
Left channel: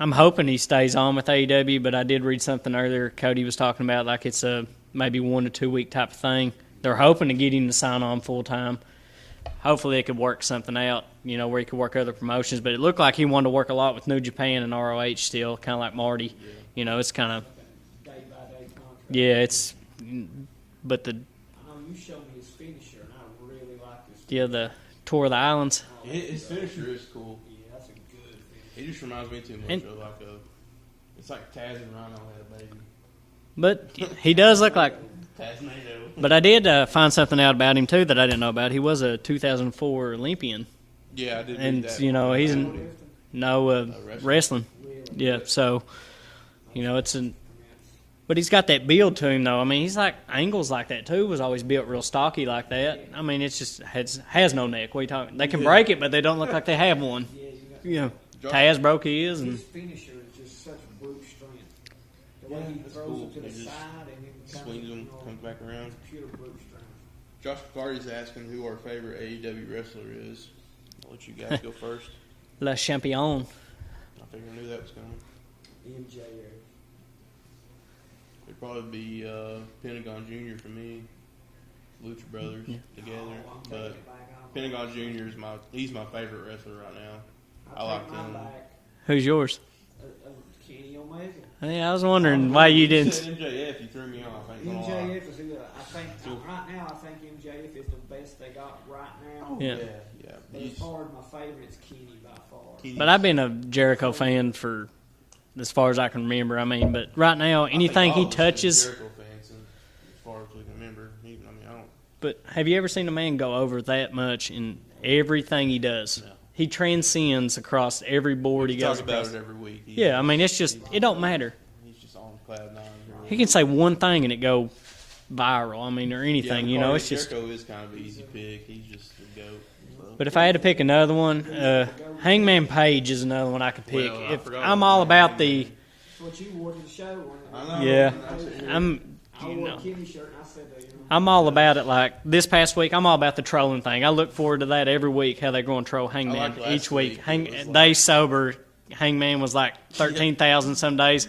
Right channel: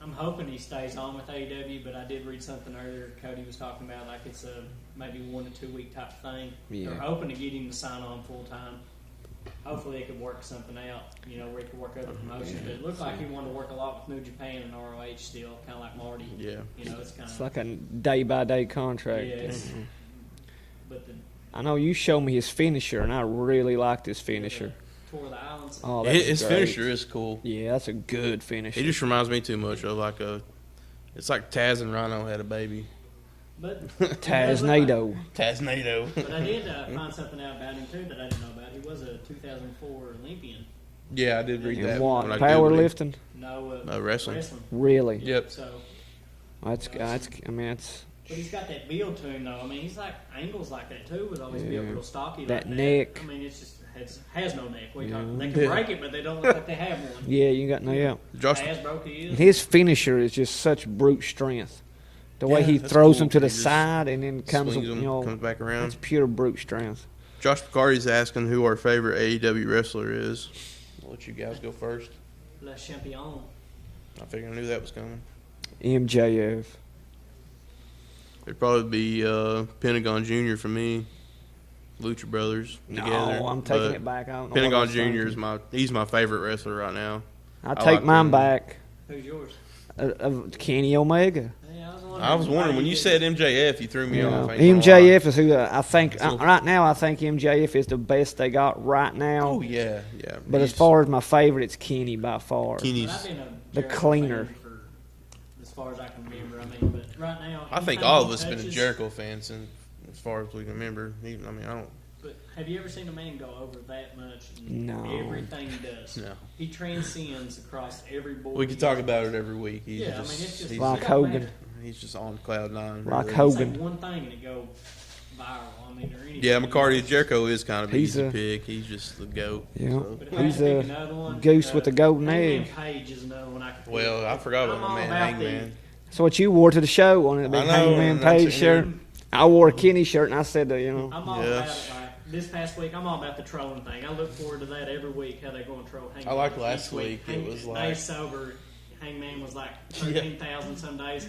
I'm hoping he stays on with AEW. But I did read something earlier. Cody was talking about like it's a maybe 1 to 2 week type of thing. Yeah. They're hoping to get him to sign on full time. Hopefully they could work something out, where he could work other promotions. But it looked like he wanted to work a lot with New Japan and ROH still, kind of like Marty. Yeah. It's kind It's of like a day-by-day contract. it's. But I know you showed me his finisher, and I really liked his the finisher. Tour of the Islands. Oh, that's His great. finisher is cool. Yeah, that's a good finisher. He just reminds me too much of it's like Taz and Rhino had a baby. But he does look like. Taz-nado. Taznado. But I did find something out about him too that I didn't know about. He was a 2004 Olympian. Yeah, I did And, read that. you know, he's- Powerlifting? No, wrestling. wrestling. Really? Yeah. Yep. So, That's, it's but he's got that build to him though. I mean, he's like Angle's like that too. Was always built Yeah. real stocky like That that. neck. I mean, it's just has no neck. What are you talking? They can break it, but they don't look like they have one. yeah, you got no. Yeah. Yeah. Josh, Taz broke his. His finisher is just such brute strength. The way Yeah, he that's throws cool. him to the He just side and then comes, swings him, comes back around. it's pure brute strength. Josh Picardi's asking who our favorite AEW wrestler is. I'll let you guys go first. Le Champion. I figured I knew that was coming. MJF. It'd probably be Pentagon Jr. for me. Lucha Brothers together. No, I'm taking but it back. I don't know Pentagon what I was Jr. is thinking. he's my favorite wrestler right now. I I take like mine him. back. Who's yours? Kenny Omega. Yeah, I was I wondering was why wondering, you when didn't. said MJF, you threw me You off. know, I ain't gonna MJF is who I think So- right now. I think MJF is the best they got right now. lie. Yeah. Yeah. But as far as my favorite, it's Kenny by far. Kenny's- But I've been a Jericho cleaner. fan for as far as I can remember. I mean, but right now, I think anything all he of us been a touches. Jericho fans, and as far as we can remember. I don't. But have you ever seen a man go over that much in No. everything he does? No. He transcends across every board We he can goes talk about across. it every week. Yeah, I mean, it's just he's- it don't Hogan. matter. He's just on cloud nine. Like really. He can say Hogan. one thing and it go viral. I mean, or anything. Yeah, you know, McCarty it's just- Jericho is kind of He's easy a- pick. He's just the goat. Yeah. So- But if I had to He's pick a another one, goose with the golden Hangman egg. Page is another one I could pick. Well, I If- forgot I'm about all man, about Hangman. So what you wore to the show on it, the I know, Hangman yeah, Page that's- shirt. I'm, I wore you a know. Kenny shirt, and I said, I'm all Yeah. about it. Like this past week, I'm all about the trolling thing. I look forward to that every week. How they're going to troll Hangman like last each week. week. It was Day like- sober, Hangman was like 13,000 some days.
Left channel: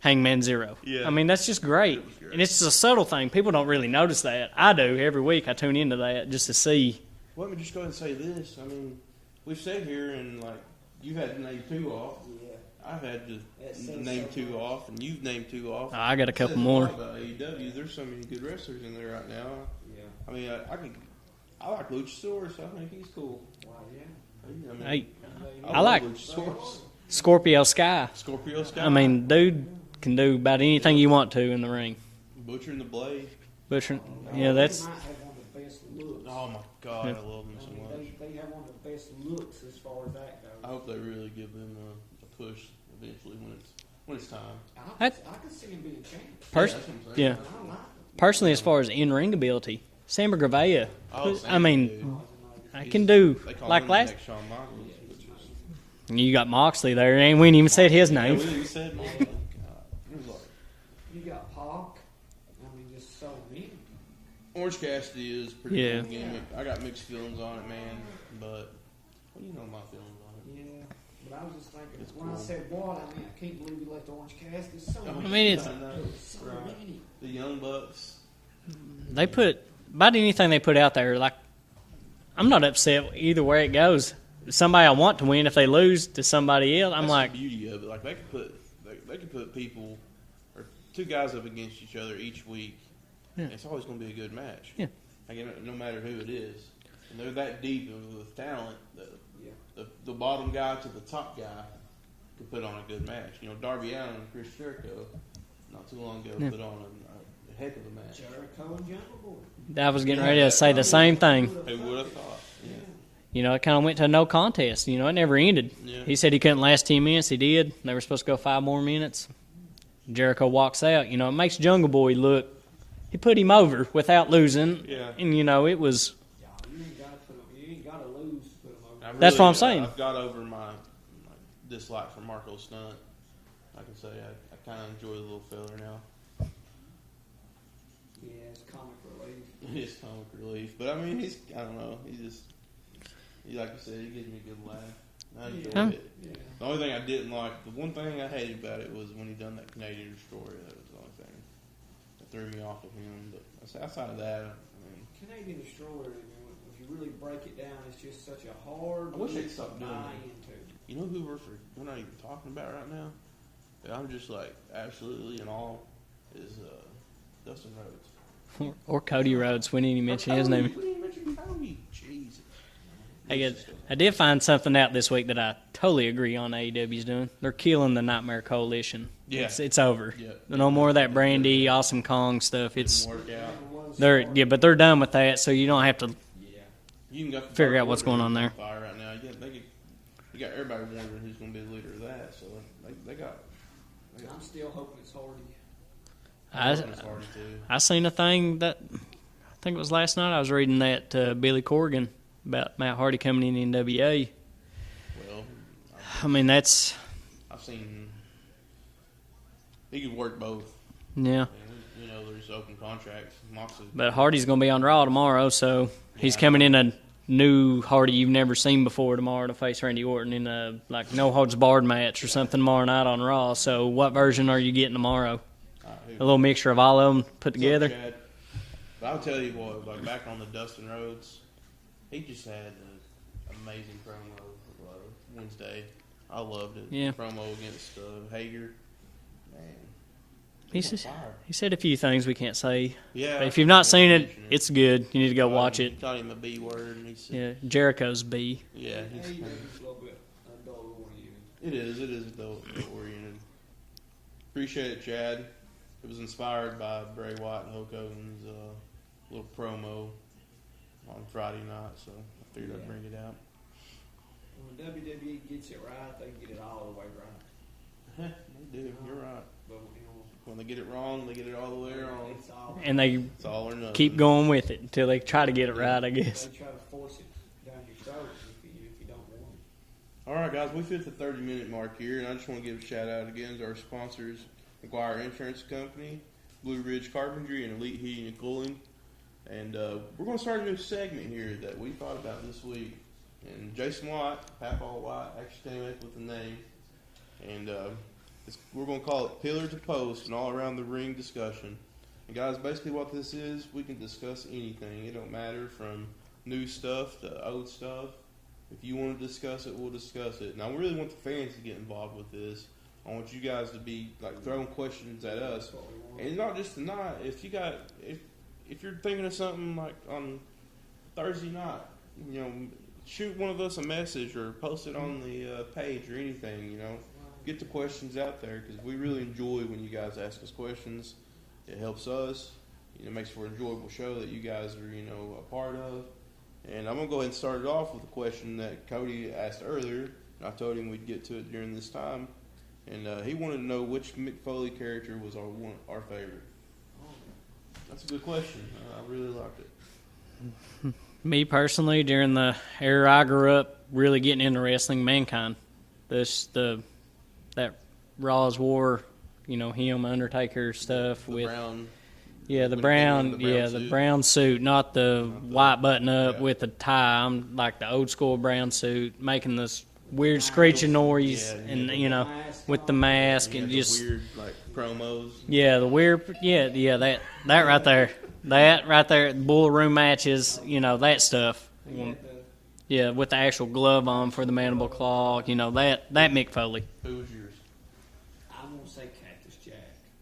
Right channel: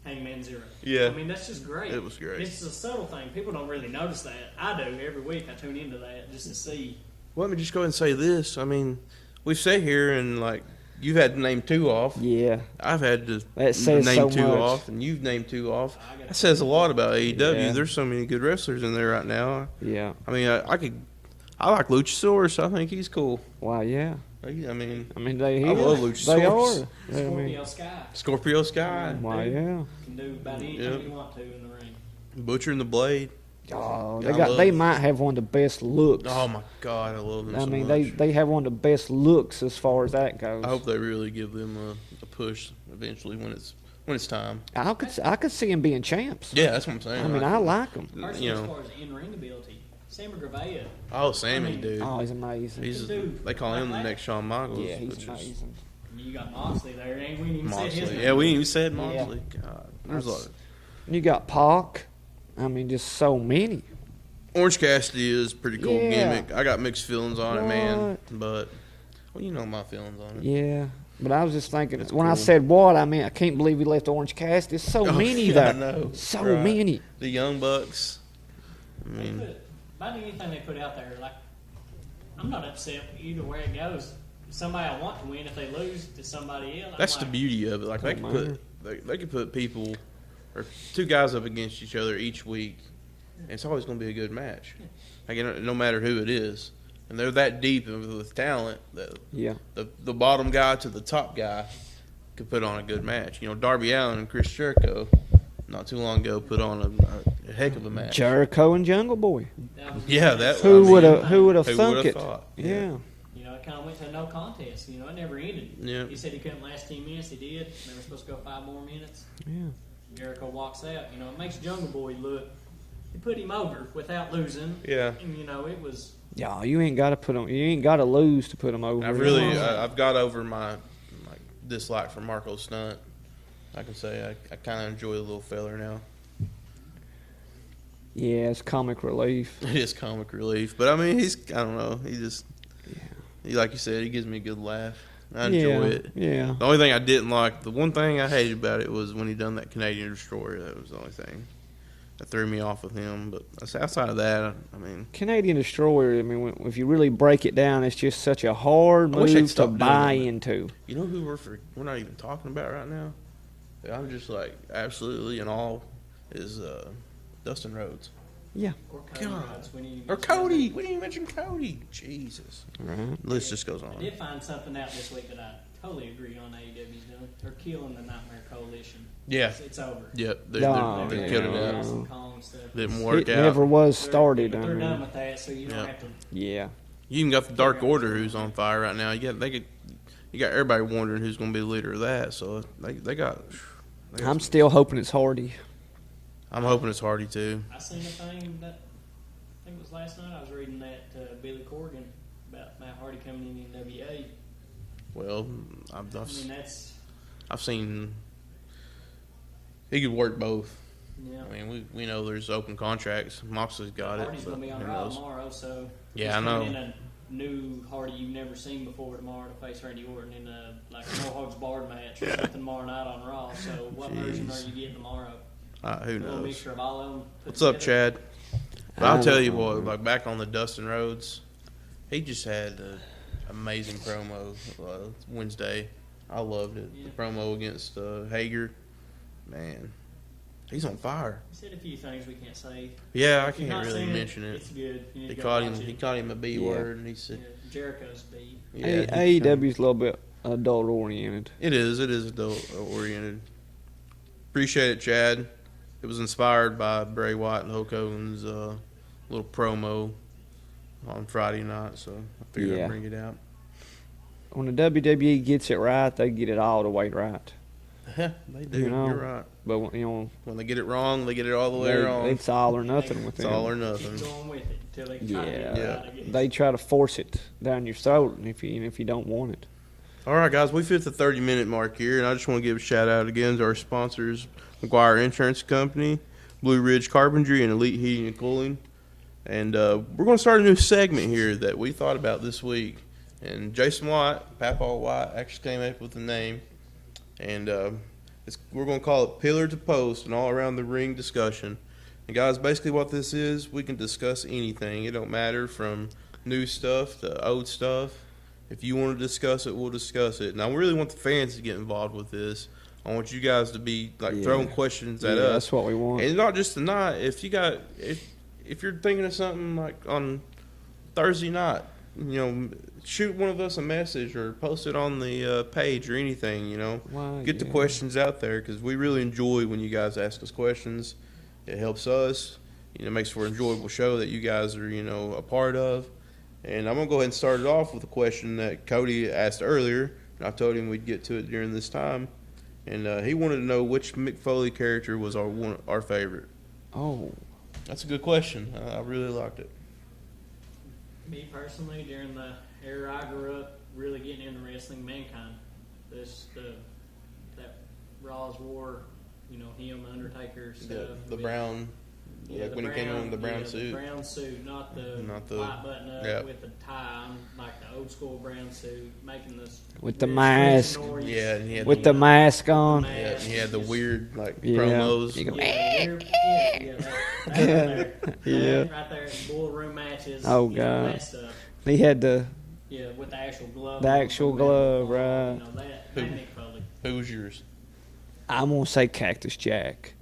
Hangman 0. Yeah. I mean that's just great. It was great. And it's just a subtle thing. People don't really notice that. I do every week. I tune into that just to see. Well, let me just go ahead and say this. I mean, we've sat here and like you've had to name two off. yeah. I've had to That says name so two much. off, and you've named two off. I got a That couple says a more. lot about AEW. Yeah. There's so many good wrestlers in there right now. Yeah. I mean, I like Luchasaurus. I think he's cool. Wow, yeah. I mean, Hey, I mean, they, I like they Luchasaurus. are. Scorpio Sky. Scorpio Sky. I mean, Wow, dude yeah. can do about anything Yeah. you want to in the ring. Butcher and the Blade. Butcher. Oh, Yeah, they well, they that's- might have one of the best looks. Oh my God, I love them I so mean, much. they have one of the best looks as far as that goes. I hope they really give them a push eventually when it's time. I could see him being champs. Yeah, that's what I'm saying. Yeah. I mean, I like him. Personally, You as know. far as in-ring ability, Samber Gravea. Oh, I Sammy, mean, dude. Oh, he's amazing. I can do They call like him the last. next Shawn Michaels. Yeah, he's which is- amazing. You got Moxley there, and we ain't even said his name. Yeah, we ain't even said Moxley. God, there's a lot. You got Pac. I mean, just so many. Orange Cassidy is a pretty cool Yeah. gimmick. I got mixed feelings on it, man. But, well, you know my feelings on it. Yeah. But I was just thinking, That's when I cool. said what, I mean, I can't believe we left Orange Cassidy. There's so many man, there. I know. So Right. many. The Young Bucks. They put about anything they put out there. Like, I'm not upset either way it goes. Somebody I want to win. If they lose to somebody else, I'm That's like, the beauty of it. Like they could put people or two guys up against each other each week, and it's always going to be a good match. Yeah. Like no matter who it is, and they're that deep with talent that Yeah. the bottom guy to the top guy could put on a good match. You know, Darby Allin and Chris Jericho not too long ago put on a heck of a match. Jericho and Jungle Boy. I was getting Yeah, ready to that- say Who the same would've- Who thing. would have Who thunk would've it? thought? Yeah. You know, it kind of went to a no contest. You know, it never ended. Yeah. He said he couldn't last 10 minutes. He did. They were supposed to go 5 more minutes. Yeah. Jericho walks out. You know, it makes Jungle Boy look. He put him over without losing. Yeah. And you know, it was. Yeah, you ain't got to put them. You ain't got to lose to put them over. That's what I'm saying. I've got over my dislike for Marco Stunt. I can say I kind of enjoy the little feller now. Yeah, it's comic relief. It is comic relief, but I mean, I don't know. He like you said, he gives me a good laugh. I enjoy it. Yeah. The only thing I didn't like, the one thing I hated about it was when he done that Canadian Destroyer. That was the only thing that threw me off with him. But outside of that, I mean, Canadian Destroyer, I mean, if you really break it down, it's just such a hard I wish they'd move to stop doing buy that. into. you know who we're not even talking about right now? I'm just like absolutely in awe is Dustin Rhodes. Or Cody God. Rhodes. We didn't even Or mention his Cody. name. We didn't even mention Cody. Jesus. Right. The list just goes on. I did find something out this week that I totally agree on AEW's doing. They're killing the Nightmare Coalition. Yeah. It's over. Yep. No more of that They Brandy, didn't Awesome Kong stuff. Didn't It's, work It out. never was started. but they're done with that, so you don't have to. Yeah. You even got the Figure Dark out what's Order going who's on on there. fire right now. You got everybody wondering who's going to be the leader of that. So they got. I'm still hoping it's Hardy. I'm hoping it's Hardy too. I seen a thing that I think it was last night. I was reading that Billy Corgan about Matt Hardy coming in NWA. Well, I mean, that's I've seen he could work both. yeah. I mean, we know there's open contracts. Moxley's got But it. Hardy's going to be on Raw tomorrow, so Yeah, he's I coming know. in a new Hardy you've never seen before tomorrow to face Randy Orton in a no holds barred match or something tomorrow night on Raw. So what version are you getting tomorrow? Who A little knows? mixture of all of them put What's together. up, Chad? But I'll tell you what, like back on the Dustin Rhodes, he just had an amazing promo Wednesday. I loved it. Yeah. Promo against Hager. Man, He's he's on just- fire. He said a few things we can't say. Yeah. If you've not seen it, it's good. You need to go watch He it. called him a B word. And he said, Yeah, Jericho's B. yeah, AEW's a little bit adult oriented. It is adult oriented. Appreciate it, Chad. It was inspired by Bray Wyatt and Hulk Hogan's little promo on Friday night, so I figured Yeah. I'd bring it out. When the WWE gets it right, they get it all the way right. Yeah, they do. You know, You're right. But when When they get it wrong, they get it all the way wrong. it's all or And they- nothing with It's them. all or nothing. Keep going with it until they try to get it Yeah. right, I guess. They try to force it down your throat, and if you don't want it. All right, guys, we've hit the 30-minute mark here, and I just want to give a shout-out again to our sponsors, McGuire Insurance Company, Blue Ridge Carpentry, and Elite Heating and Cooling. And we're going to start a new segment here that we thought about this week. And Jason White, Papa White, actually came up with the name. And we're going to call it Pillar to Post, an all-around-the-ring discussion. And, guys, basically what this is, we can discuss anything. It don't matter from new stuff to old stuff. If you want to discuss it, we'll discuss it. Now, we really want the fans to get involved with this. I want you guys to be throwing questions at us. That's what we want. And not just tonight. If you're thinking of something like on Thursday night, shoot one of us a message or post it on the page or anything. Get the questions out there because we really enjoy when you guys ask us questions. It helps us. It makes for an enjoyable show that you guys are a part of. And I'm going to go ahead and start it off with a question that Cody asked earlier. I told him we'd get to it during this time. And he wanted to know which Mick Foley character was our favorite. Oh. That's a good question. I really liked it. Me personally, during the era I grew up really getting into wrestling, Mankind. that Raw's War, him Undertaker stuff the with brown. Yeah, the when he came brown, in the the brown suit, not the white button up yeah. with the tie. I'm like the old school brown suit, making this With the weird mask. screeching noise. Yeah, and With the mask with on. the mask. He had and the just- weird Yeah. promos. Yeah, the weird. Yeah, that right there, that right there, bull room matches. Oh, God. That stuff. He had the Yeah, with the actual glove The on for the actual mandible glove, claw. right. That Mick Foley. Who was yours? I'm gonna say Cactus Jack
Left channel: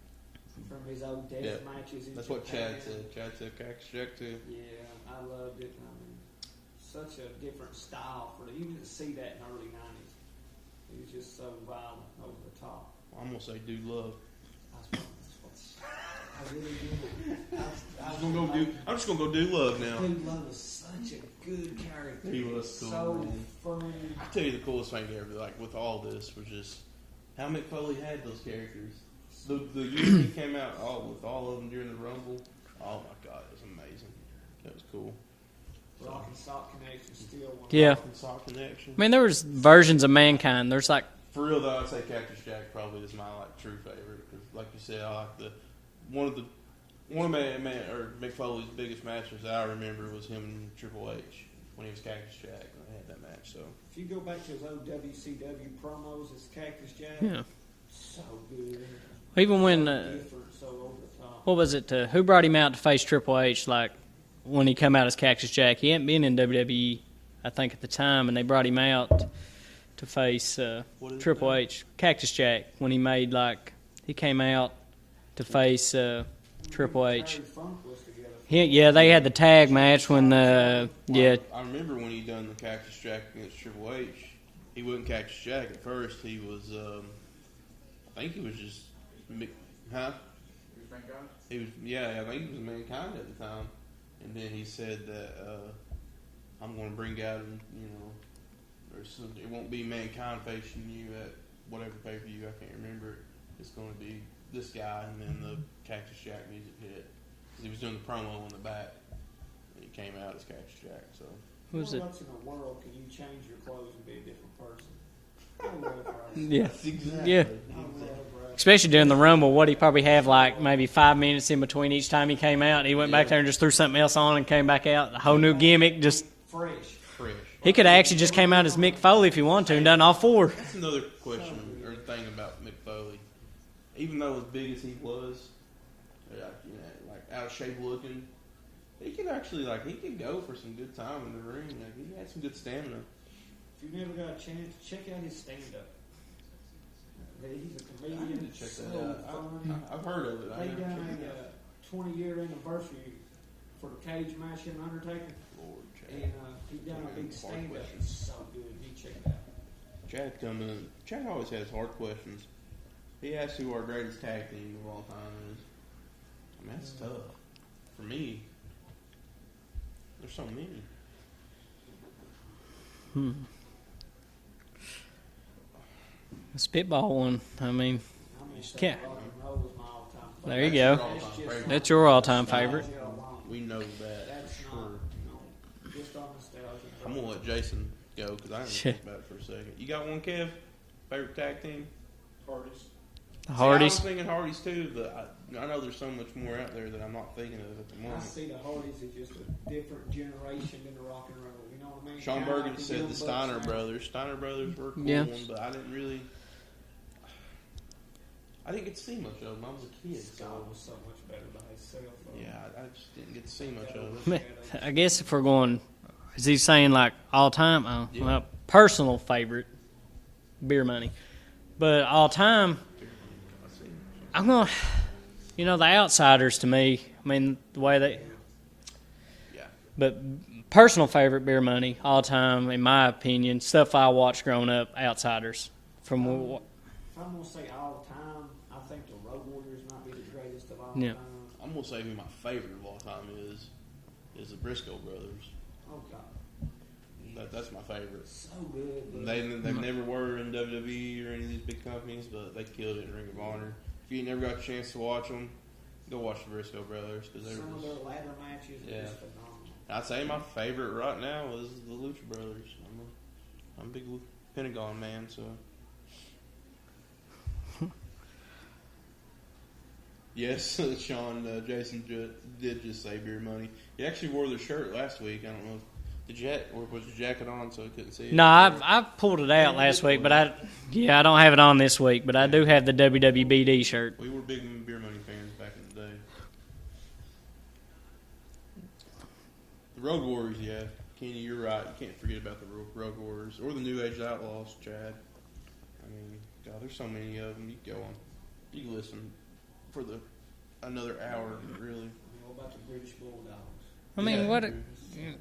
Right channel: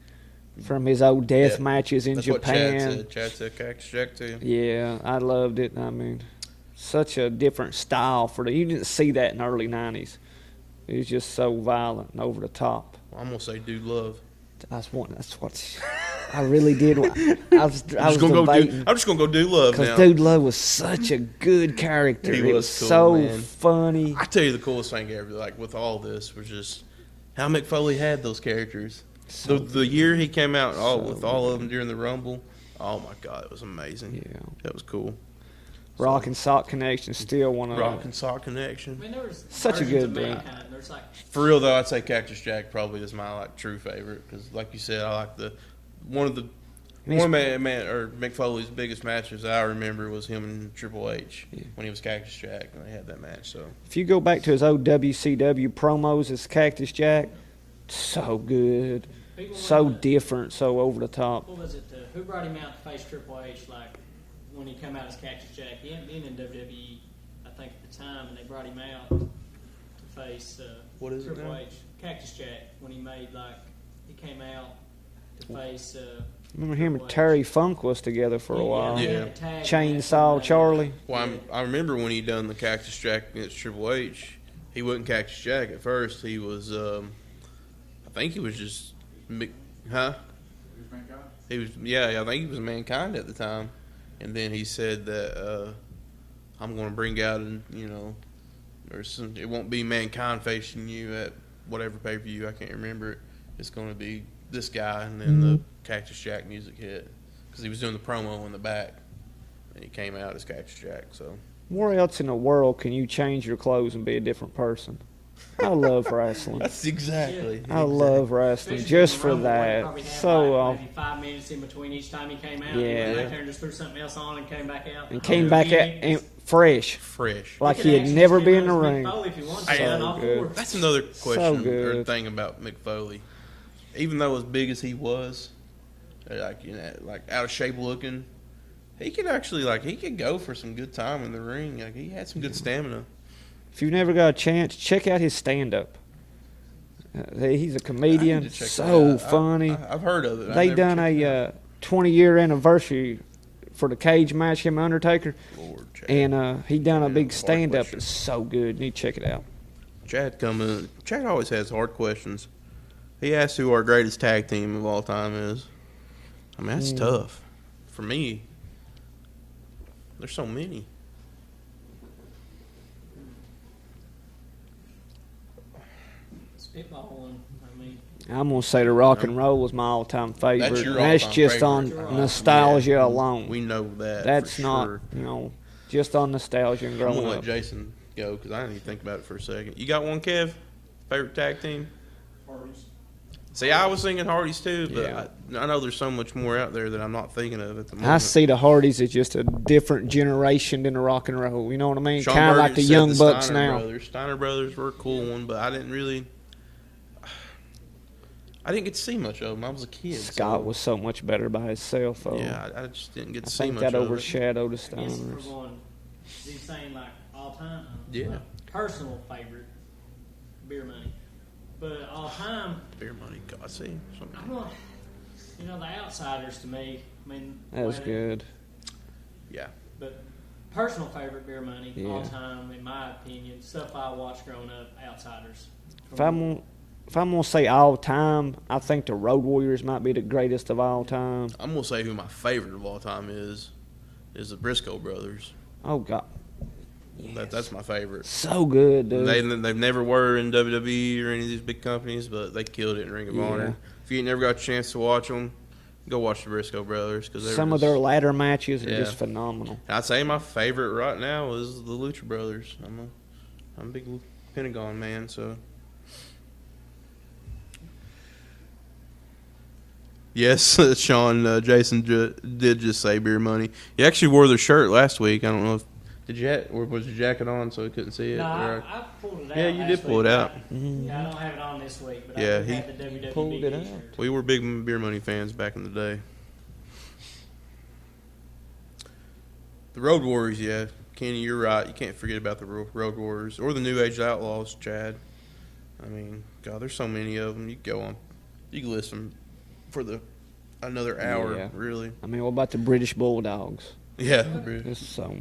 from his old death Yeah. matches in That's Japan. what Chad said. Chad said Cactus Jack too. Yeah, I loved it. I mean, such a different style for you didn't see that in the early '90s. It was just so violent and over the top. Well, I'm gonna say Dude Love. That's what I really did. I was I'm just gonna debating. go Dude Love Because now. Dude Love was such a good character. He It was was cool, so man. funny. I tell you, the coolest thing ever, like with all this, was just how Mick Foley had those characters. So the year he came out, with all of them during the Rumble, oh my God, it was amazing. Yeah. That was cool. Rock and Sock Connection still one of Yeah. Rock and Sock Connection. I mean, there was Such a versions good of guy. Mankind. There's like For real though, I'd say Cactus Jack probably is my true favorite because, like you said, I like one of Mick Foley's biggest matches I remember was him and Triple H when he was Cactus Jack and they had that match. So If you go back to his old WCW promos as Cactus Jack, yeah. so good. Even when So different, so over the top. what was it? Who brought him out to face Triple H? Like when he come out as Cactus Jack, he hadn't been in WWE, I think, at the time, and they brought him out to face Triple H. Cactus Jack when he came out to face Remember him Triple and H. Terry Funk was together for a while. Yeah, they had the tag match when Chainsaw Charlie. Well, I remember when he done the Cactus Jack against Triple H. He wasn't Cactus Jack at first. He was, I think he was just, huh? He was, I think he was Mankind at the time. And then he said that I'm going to bring out, it won't be Mankind facing you at whatever pay-per-view. I can't remember it. It's going to be this guy, and then the Cactus Jack music hit because he was doing the promo in the back, and he came out as Cactus Jack. So Where else in the world can you change your clothes and be a different person? I love wrestling. that's exactly. Yeah. I love wrestling. Especially during just the for Rumble, what he that. probably have So, maybe 5 minutes in between each time he came out. And he went Yeah. back there and just threw something else on and came back out. A and whole came new back gimmick. at- Just and fresh. Fresh. he Like could he had actually just never came been out in as the Mick ring. Foley if he wanted to and So done all good. four. That's another question or good. thing about Mick Foley. Even though as big as he was, like out of shape looking, he could actually he could go for some good time in the ring. Like he had some good stamina. If you've never got a chance, check out his stand-up. He's a I need comedian, to check so that out. funny. I've heard of it. They I've done never checked it a 20-year anniversary for the cage match, him and Undertaker, out. Lord, Chad. and he done a Yeah, big hard stand-up. question. It's so good. You need to check it out. Chad always has hard questions. He asks who our greatest tag team of all time is. I mean, that's tough. For me, there's so many. The Spitball one. I mean, I'm gonna say the Rock and Roll was my all-time favorite. That's your That's all-time just favorite. on That's your all-time nostalgia alone. We know that. That's for not, sure. just on nostalgia and I'm growing gonna let up. Jason go because I didn't think about it for a second. You got one, Kev? Favorite tag team? See, I was thinking Hardys too, but Yeah. I know there's so much more out there that I'm not thinking of at the moment. I see the Hardys as just a different generation than the Rock and Roll. You know what I mean? Sean Kind of like Burgess the said Young Bucks Steiner now. Brothers. Steiner Brothers were a cool Yeah. one, but I didn't get to see much of them. I was a kid. Scott was so much better by himself. Though. Yeah, I just didn't get I to see think much that of it. overshadowed. the I guess if we're Stones. going, is he saying like all time? Yeah. Well, personal favorite, Beer Money, but all time, Beer money, God, see. I'm gonna, the Outsiders to me. I mean, the That way was they, good. Yeah. but personal favorite, Beer Money, Yeah. all time, in my opinion, stuff I watched growing up, Outsiders. If I'm gonna say all time, I think the Road Warriors might be the greatest of all Yeah. time. I'm gonna say who my favorite of all time is the Briscoe brothers. Oh God, That's my favorite. so good, dude. They never were in WWE or any of these big companies, but they killed it in Ring of Yeah. Honor. If you ain't never got a chance to watch them, go watch the Briscoe brothers because Some of their ladder matches are Yeah. just phenomenal. I'd say my favorite right now is the Lucha brothers. I'm a big Pentagon man, so Yes, Sean, Jason did just say beer money. He actually wore the shirt last week. I don't know if or was your jacket on so he couldn't see it? No, I pulled it out last week, but I don't have it on this week. But I do have the WWBD shirt. We were big beer money fans back in the day. The Road Warriors, yeah, Kenny, you're right. You can't forget about the Road Warriors or the New Age Outlaws, Chad. I mean, God, there's so many of them. You can go on, you can list them for another hour, really. I mean, what about the British Bulldogs? I mean,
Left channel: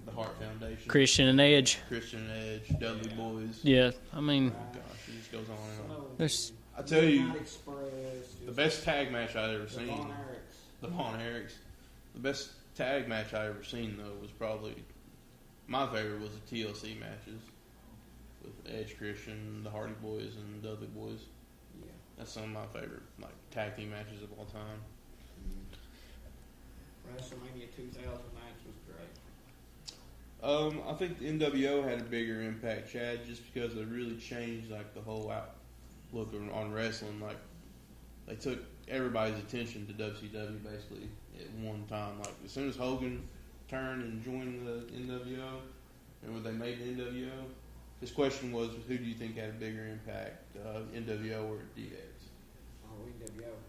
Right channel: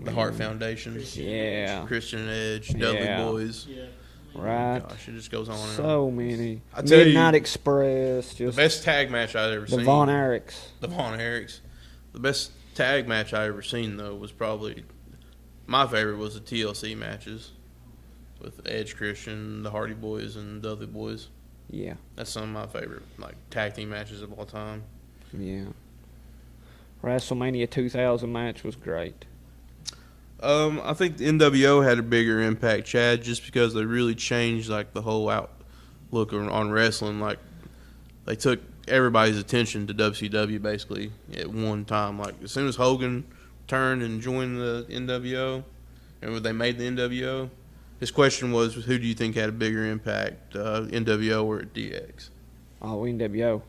the Heart Foundation, Christian and Edge, Dudley Boys. Yeah, I mean, right. Gosh, it just goes on. So many. I tell Midnight you, Express. The best tag match I've ever seen. The Von Erichs. The best tag match I ever seen though was probably my favorite was the TLC matches with Edge, Christian, the Hardy Boys, and Dudley Boys. Yeah, that's some of my favorite tag team matches of all time. Yeah. WrestleMania 2000 match was great. I think the NWO had a bigger impact, Chad, just because they really changed the whole outlook on wrestling. They took everybody's attention to WCW basically at one time. As soon as Hogan turned and joined the NWO, and when they made the NWO, his question was, who do you think had a bigger impact, NWO or DX? Oh, NWO.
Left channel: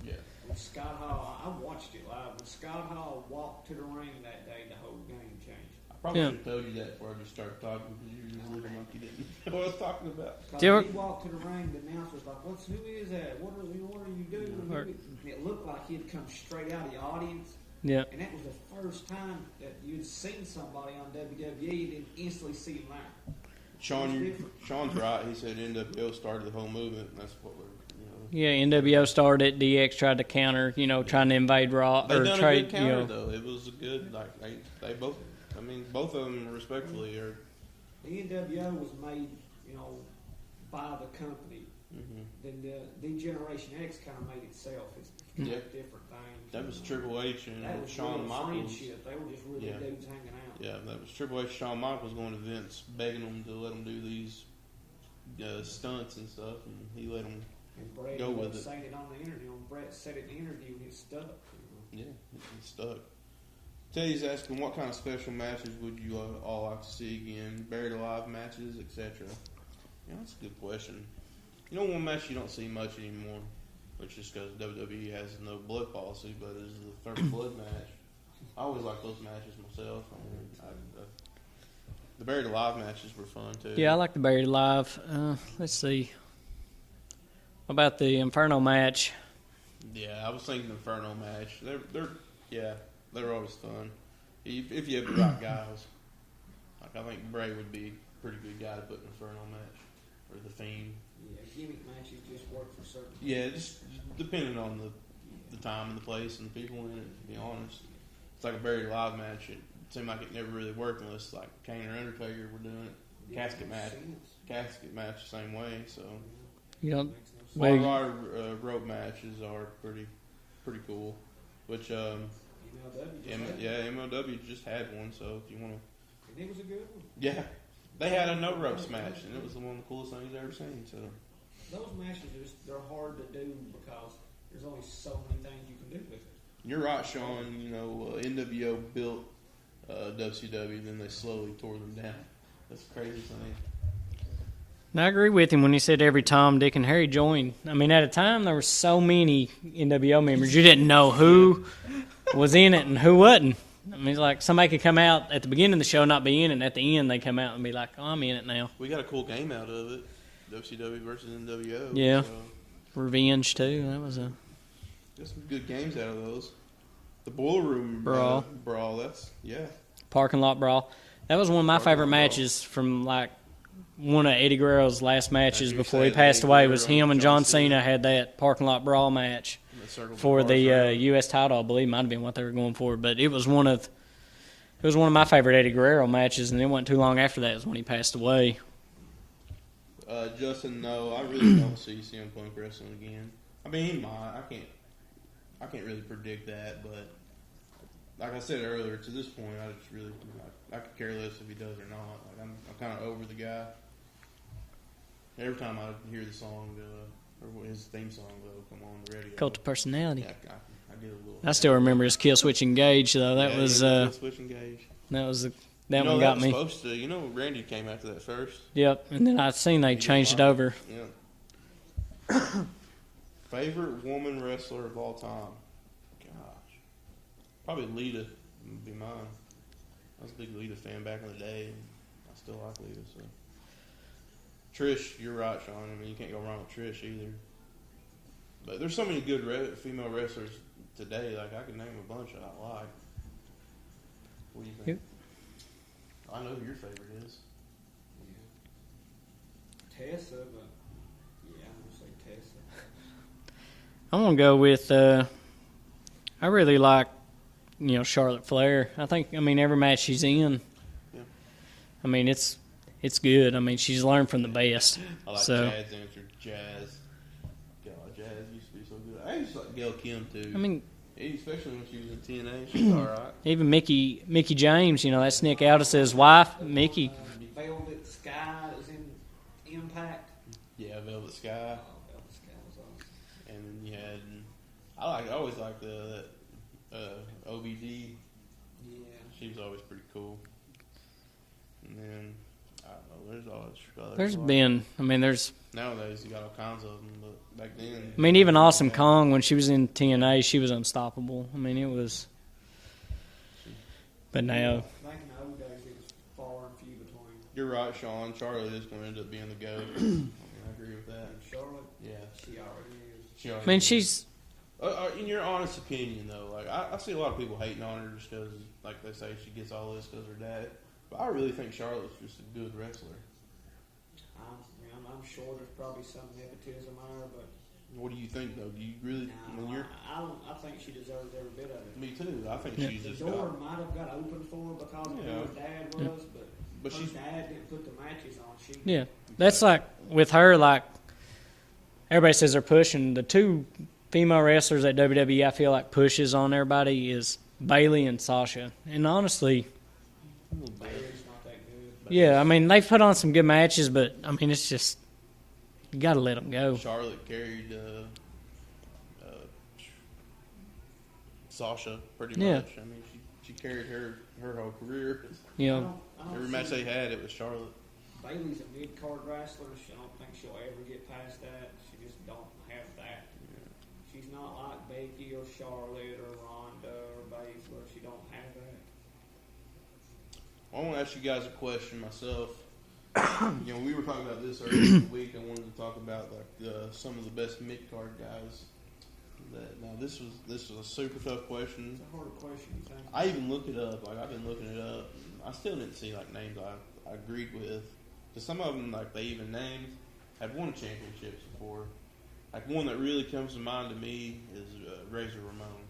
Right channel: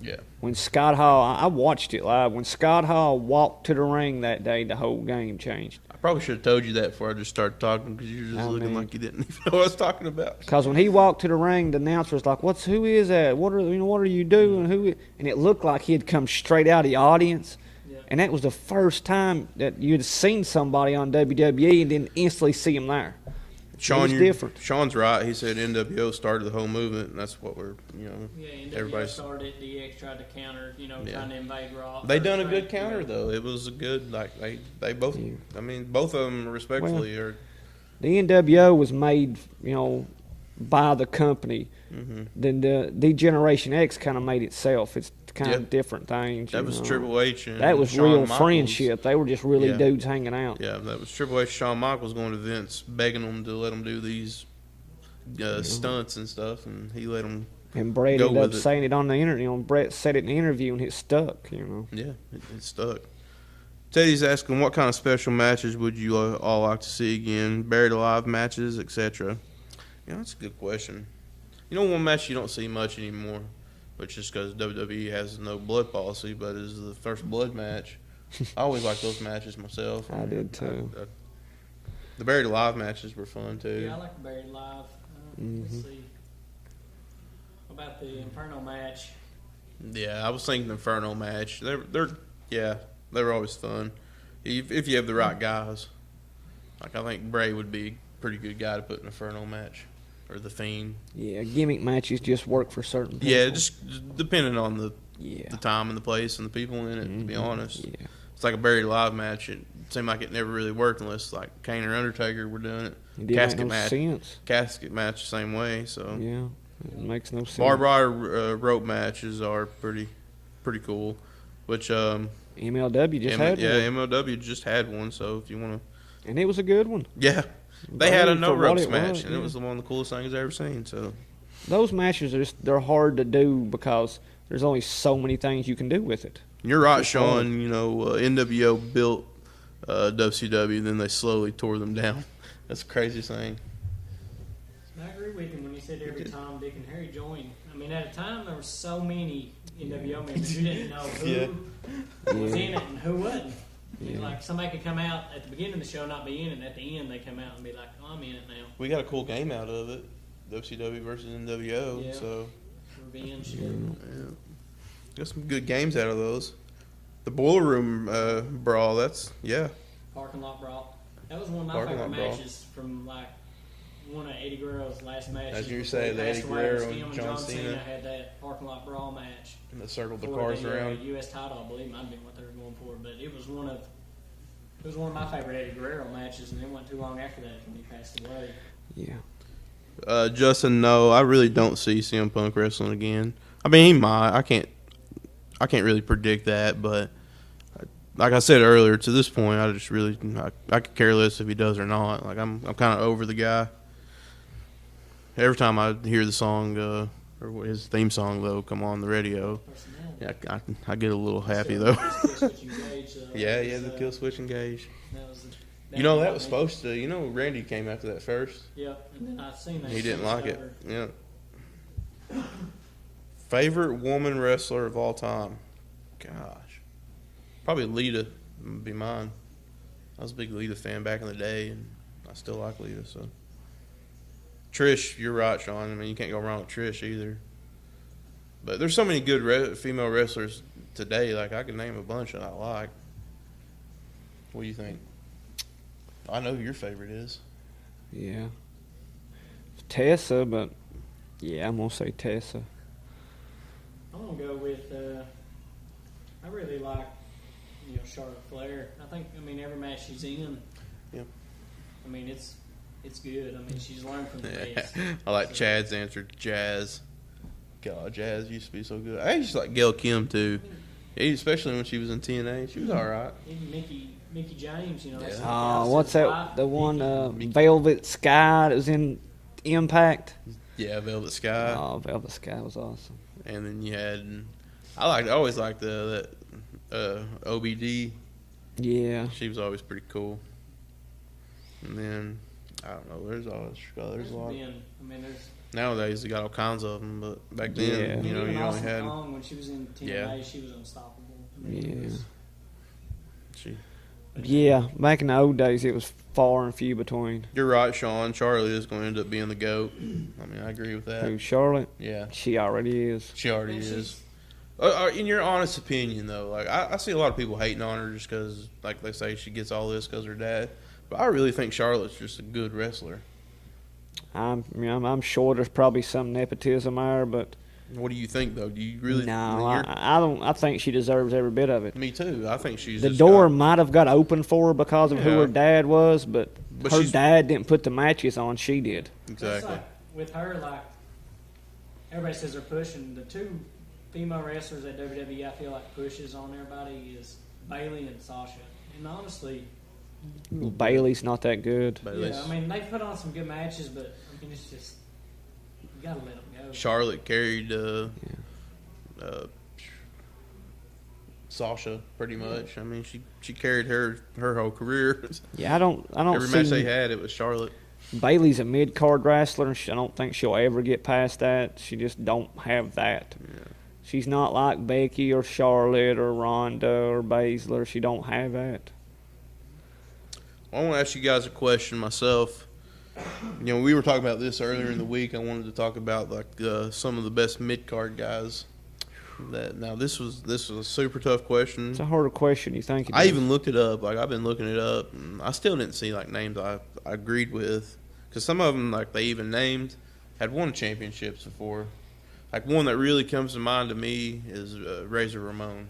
Yeah. When Scott Hall, I watched it live. When Scott Hall walked to the ring that day, the whole game changed. I probably should have told you that before I just started talking because you were just looking like you didn't even know what I was talking about. Because when he walked to the ring, the announcer was like, who is that? What are you doing? And it looked like he had come straight out of the audience. Yeah. And that was the first time that you'd seen somebody on WWE and then instantly see him there. Sean's right. He said NWO started the whole movement, and that's what we're, Yeah, NWO started. DX tried to counter, trying to invade Raw. They done a good counter, though. It was a good, they both, I mean, both of them respectfully are. The NWO was made, by the company. Mm-hmm. Then the Generation X kind of made itself. It's kind of different things. That was Triple H and that was Shawn real Michaels. Friendship. They were just really dudes hanging out. Yeah, that was Triple H. Shawn Michaels going to Vince, begging them to let him do these stunts and stuff, and he let them. And Brett ended up saying it on the interview. Brett said it in the interview, and it stuck. Yeah, it stuck. Teddy's asking, what kind of special matches would you all like to see again? Buried alive matches, etc. That's a good question. One match you don't see much anymore, which is because WWE has no blood policy, but is the first blood match. I always like those matches myself. I did too. The Buried Alive matches were fun too. Yeah, I like the Buried Alive. Let's see. What about the Inferno match? Yeah, I was thinking Inferno match. They're always fun if you have the right guys. I think Bray would be a pretty good guy to put in an Inferno match. Or the Fiend. Yeah, gimmick matches just work for certain people. Yeah, just depending on the time and the place and the people in it, to be honest. Yeah. It's like a Buried Alive match. It seemed like it never really worked unless Kane or Undertaker were doing it. Casket match the same way. So yeah, it makes no sense. Barbed wire rope matches are pretty cool. Which MLW just had one. Yeah, MLW just had one. So if you want to, and it was a good one. Yeah. They had a no ropes match, and it was one of the coolest things I've ever seen. So, those matches they're hard to do because there's only so many things you can do with it. You're right, Sean. NWO built WCW, then they slowly tore them down. That's the craziest thing. And I agree with him when he said every Tom, Dick, and Harry joined. I mean, at a time there were so many NWO members, you didn't know who was in it and who wasn't. I mean, it's like somebody could come out at the beginning of the show, not be in it, and at the end they come out and be like, oh, I'm in it now. We got a cool game out of it, WCW versus NWO. Yeah, so. Revenge, too. That was got some good games out of those. The Boiler Room brawl, Parking Lot Brawl. That was one of my favorite matches from, one of Eddie Guerrero's last matches before he passed away. Was him and John Cena had that Parking Lot Brawl match for the U.S. title. I believe might have been what they were going for, but it was one of my favorite Eddie Guerrero matches, and it wasn't too long after that was when he passed away. Yeah. Justin, no, I really don't see CM Punk wrestling again. I mean, he might. I can't really predict that, but like I said earlier, to this point, I just really I could care less if he does or not. I'm kind of over the guy. Every time I hear the song or his theme song though come on the radio. Cult of Personality. Yeah, I get a little happy. I still remember though. his Kill Switch Engage though. That yeah, was Kill Switch Engage. that was the You that know one that got was me. supposed to. You know, Randy came after that first. Yep, and then I seen they He didn't changed like it over. Yeah. Favorite woman wrestler of all time? Gosh, probably Lita would be mine. I was a big Lita fan back in the day, and I still like Lita. So, Trish, you're right, Sean. I mean, you can't go wrong with Trish either. But there's so many good female wrestlers today. Like I could name a bunch that I like. What do you think? Yep. I know who your favorite is. Yeah. Tessa, but yeah, I'm gonna say Tessa. I'm gonna go with. I really like, Charlotte Flair. I mean, every match she's in. Yeah. I mean, it's good. I mean, she's learned from the best. I like So, Chad's answer, Jazz. God, Jazz used to be so good. I used to like Gail Kim too. I mean, especially when she was in TNA, she was all right. even Mickey James. That's Nick What's Aldis's that- wife. The Mickey. one Velvet Sky that was in Impact. Yeah, Velvet Sky. Oh, Velvet Sky was awesome. And then you had, I always liked that OBD. Yeah. She was always pretty cool. And then I don't know. There's nowadays they got all kinds of them, but back then. Yeah. I mean, even you really Awesome had- Kong when she was in TNA, Yeah. she was unstoppable. I mean, it Yeah. was. She- But now, Yeah, back in the old days, it was far and few between. You're right, Sean. Charlie is going to end up being the GOAT. I mean, I agree with that. Who, Charlotte? Yeah, She already is. she already I mean, is. she's. In your honest opinion, though, like I see a lot of people hating on her just because, like they say, she gets all this because her dad. But I really think Charlotte's just a good wrestler. I'm sure there's probably some nepotism there, but What do you think, though? Do you really? no, you're- I don't. I think she deserves every bit of it. Me too. I think she's The just door got- might have got open for her because of who Yeah. her dad was, but But her she's- dad didn't put the matches on. She Yeah, did. that's Exactly. like with her. Like everybody says, they're pushing the two female wrestlers that WWE. I feel like pushes on everybody is Bayley and Sasha. And honestly, Bailey's not that good. But yeah, I mean they've put on some good matches, but I mean it's just you got to let them go. Charlotte carried Sasha pretty Yeah. much. I mean, she carried her whole career. Yeah, I don't Every match they see had, it was Charlotte. Bailey's a mid card wrestler. And I don't think she'll ever get past that. She just don't have that. Yeah. She's not like Becky or Charlotte or Ronda or Baszler. She don't have that. I want to ask you guys a question myself. We were talking about this earlier in the week. I wanted to talk about like some of the best mid card guys. This was a super tough question. It's a harder question. You think? It I is. even looked it up. Like I've been looking it up, and I still didn't see like names I agreed with. Because some of them, like they even named, had won championships before. Like one that really comes to mind to me is Razor Ramon.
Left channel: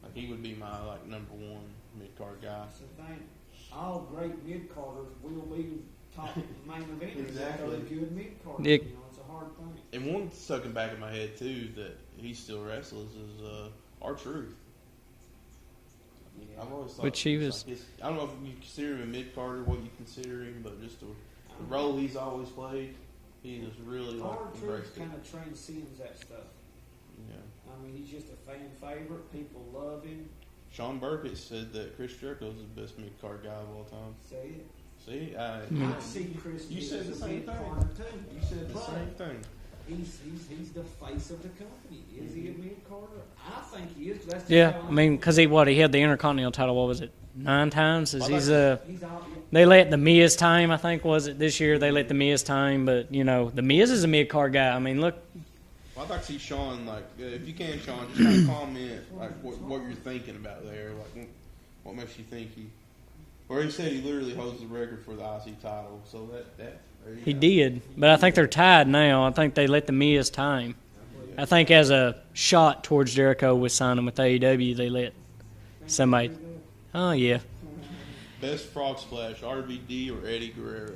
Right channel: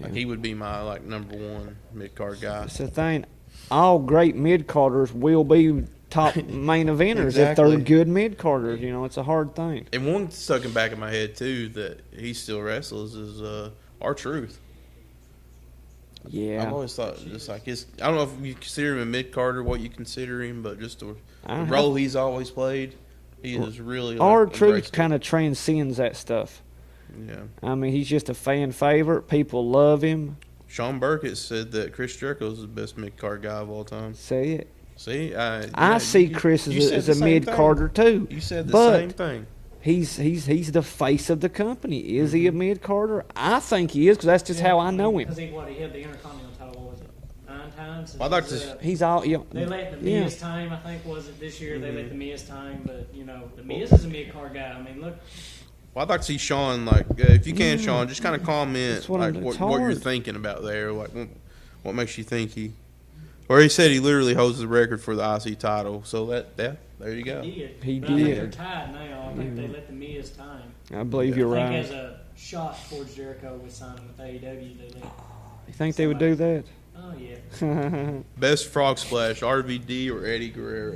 Like Yeah. he would be my like number one mid card guy. That's the thing. All great mid carders will be top main eventers if Exactly. they're good mid carders. Yeah. It's a hard thing. And one stuck in back of my head too that he still wrestles is R-Truth. Yeah. I've always thought But she it's was- like I don't know if you consider him a mid carder, what you consider him, but just the I don't role he's always played, he is really like, R-Truth embraced it. kind of transcends that stuff. Yeah. I mean, he's just a fan favorite. People love him. Sean Burkett said that Chris Jericho is the best mid card guy of all time. Say it. See, I see Chris you as said as the a same mid thing. carder too. You said the But- same thing. He's the face of the company. Is he a mid carder? I think he is because that's just how I know him. because he had the Intercontinental title. What was it? 9 times. I'd like to- He's all. They let the Miz Yeah. time. I think was it this year? They let the Miz time, but the Miz is a mid card guy. I mean, look, Well, I'd like to see Sean, like, if you can, Sean, just kind of comment, That's what like, it's what you're hard. thinking about there, like, what makes you think he, or he said he literally holds the record for the IC title, so there you he go. did. He But I think did. they're tied now. I think they let the Miz time. I believe I you're think right. as a shot towards Jericho with signing with AEW, they let. You think somebody- they would do Oh yeah, that? Best frog splash, RVD or Eddie Guerrero?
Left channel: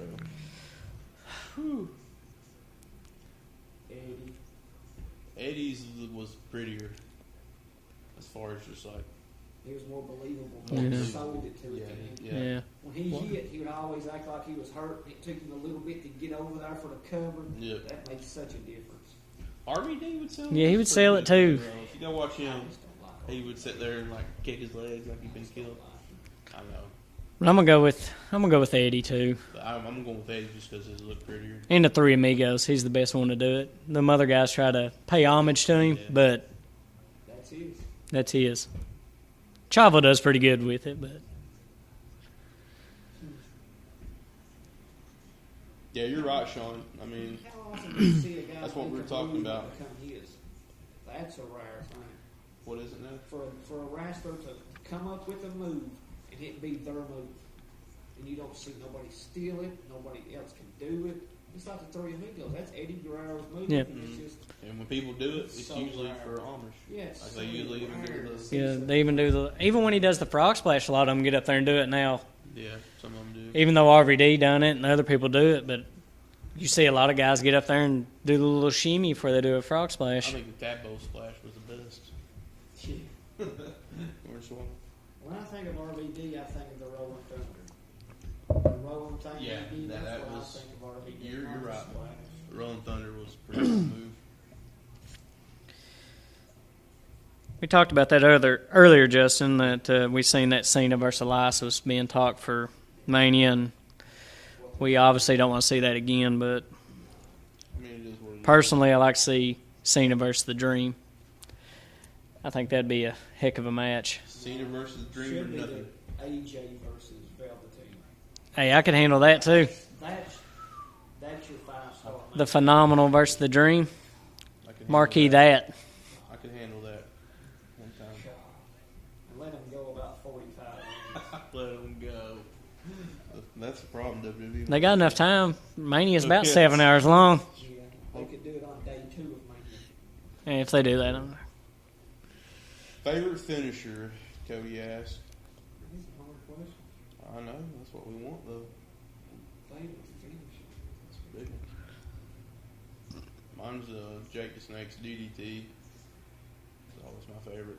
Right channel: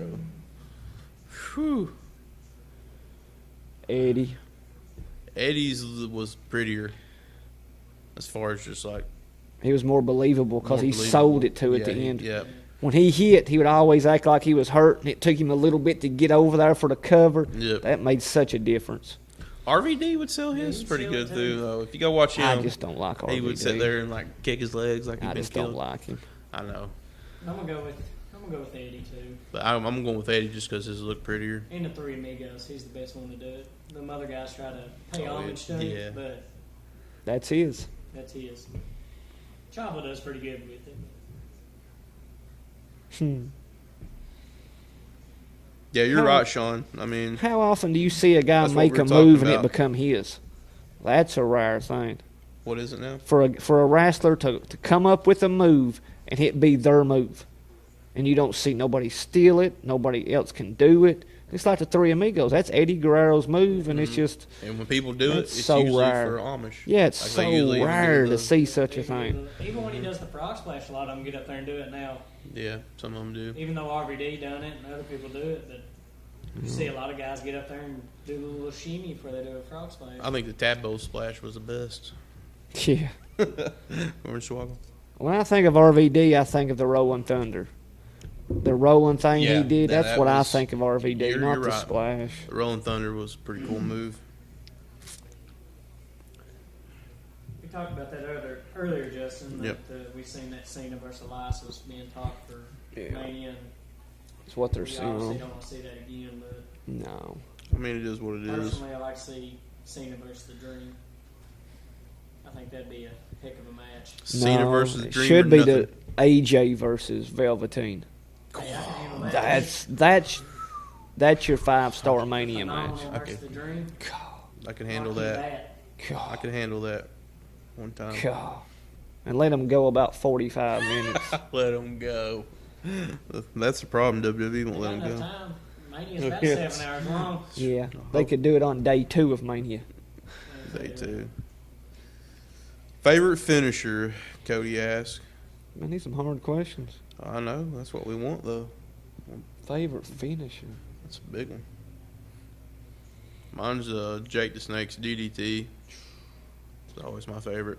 Whew. Eddie. Eddie's was prettier, as far as just like He was more believable because he Believable. sold it to at Yeah, the end. Yeah. When he hit, he would always act like he was hurt, and it took him a little bit to get over there for the cover. Yep. That made such a difference. RVD would sell his. Yeah, he would pretty sell good it too. Though. If you go watch him, I just don't like RVD. he would sit there and like kick his legs like he'd I been just killed. don't like him. I know, But I'm gonna go with Eddie too. but I'm going with Eddie just because his look prettier. And the Three Amigos, he's the best one to do it. Them other guys try to pay homage to him, Yeah. but That's his. that's his. Chavo does pretty good with it, but Yeah, you're right, Sean. I mean, How often do you see a guy That's what make we're a talking move and it about. become his? That's a rare thing. what is it now? For a wrestler to come up with a move and it be their move, and you don't see nobody steal it, nobody else can do it. It's like the Three Amigos. That's Eddie Guerrero's move, Yeah. and it's just And when people do it, That's it's so usually rare. for homage. yeah, it's Like, so they usually even rare do to the- see yeah, such they a even thing. do even when he does the frog splash, a lot of them get up there and do it now. Yeah, some of them do. Even though RVD done it and other people do it, but you see a lot of guys get up there and do the little shimmy before they do a frog splash. I think the tadpole splash was the best. Yeah. Orange Swaggle. When I think of RVD, I think of the Rolling Thunder. The rolling thing Yeah, he did, that's that what I was- think of RVD, you're not the right. splash. The Rolling Thunder was a pretty cool move. We talked about that earlier, Justin, that we seen that Cena versus Elias was being talked for Mania, and It's what they're we saying. obviously don't want to see that again. But No. I mean, it is what it is. personally, I like to see Cena versus the Dream. I think that'd be a heck of a match. Cena No, versus it Dream should or be nothing. the AJ versus Velveteen. Hey, I could handle that too. That's your 5-star Mania. The Phenomenal versus the Dream. I can handle Marquee that. that. I can handle that one time. God. And let them go about 45 minutes. Let them go. That's the problem, WWE. They got enough time. Mania's about 7 hours long. Yeah, they could do it on day 2 of Mania. And if they do that, Favorite finisher, Cody asked. I need some hard questions. I know. That's what we want, though. Favorite finisher? That's a big one. Mine's Jake the Snake's DDT. It's always my favorite.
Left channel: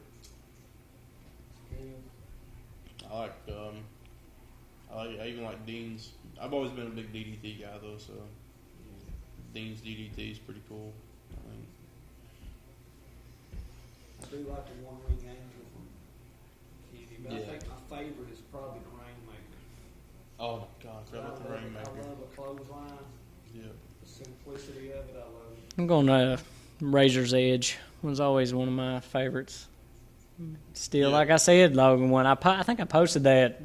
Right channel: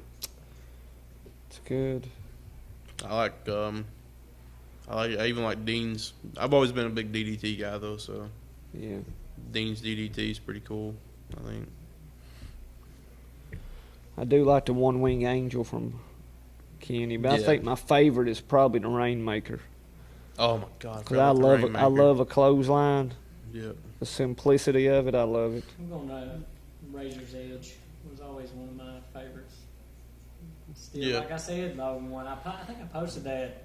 It's good. I even like Dean's. I've always been a big DDT guy though, so Yeah. Dean's DDT is pretty cool. I think. I do like the One Wing Angel from Kenny, but I Yeah. think my favorite is probably the Rainmaker. Oh my God! Because I love a clothesline. Yeah. The simplicity of it, I love it. I'm going Razor's Edge was always one of my favorites. Still, Yeah. like I said, Logan, when I think I posted that,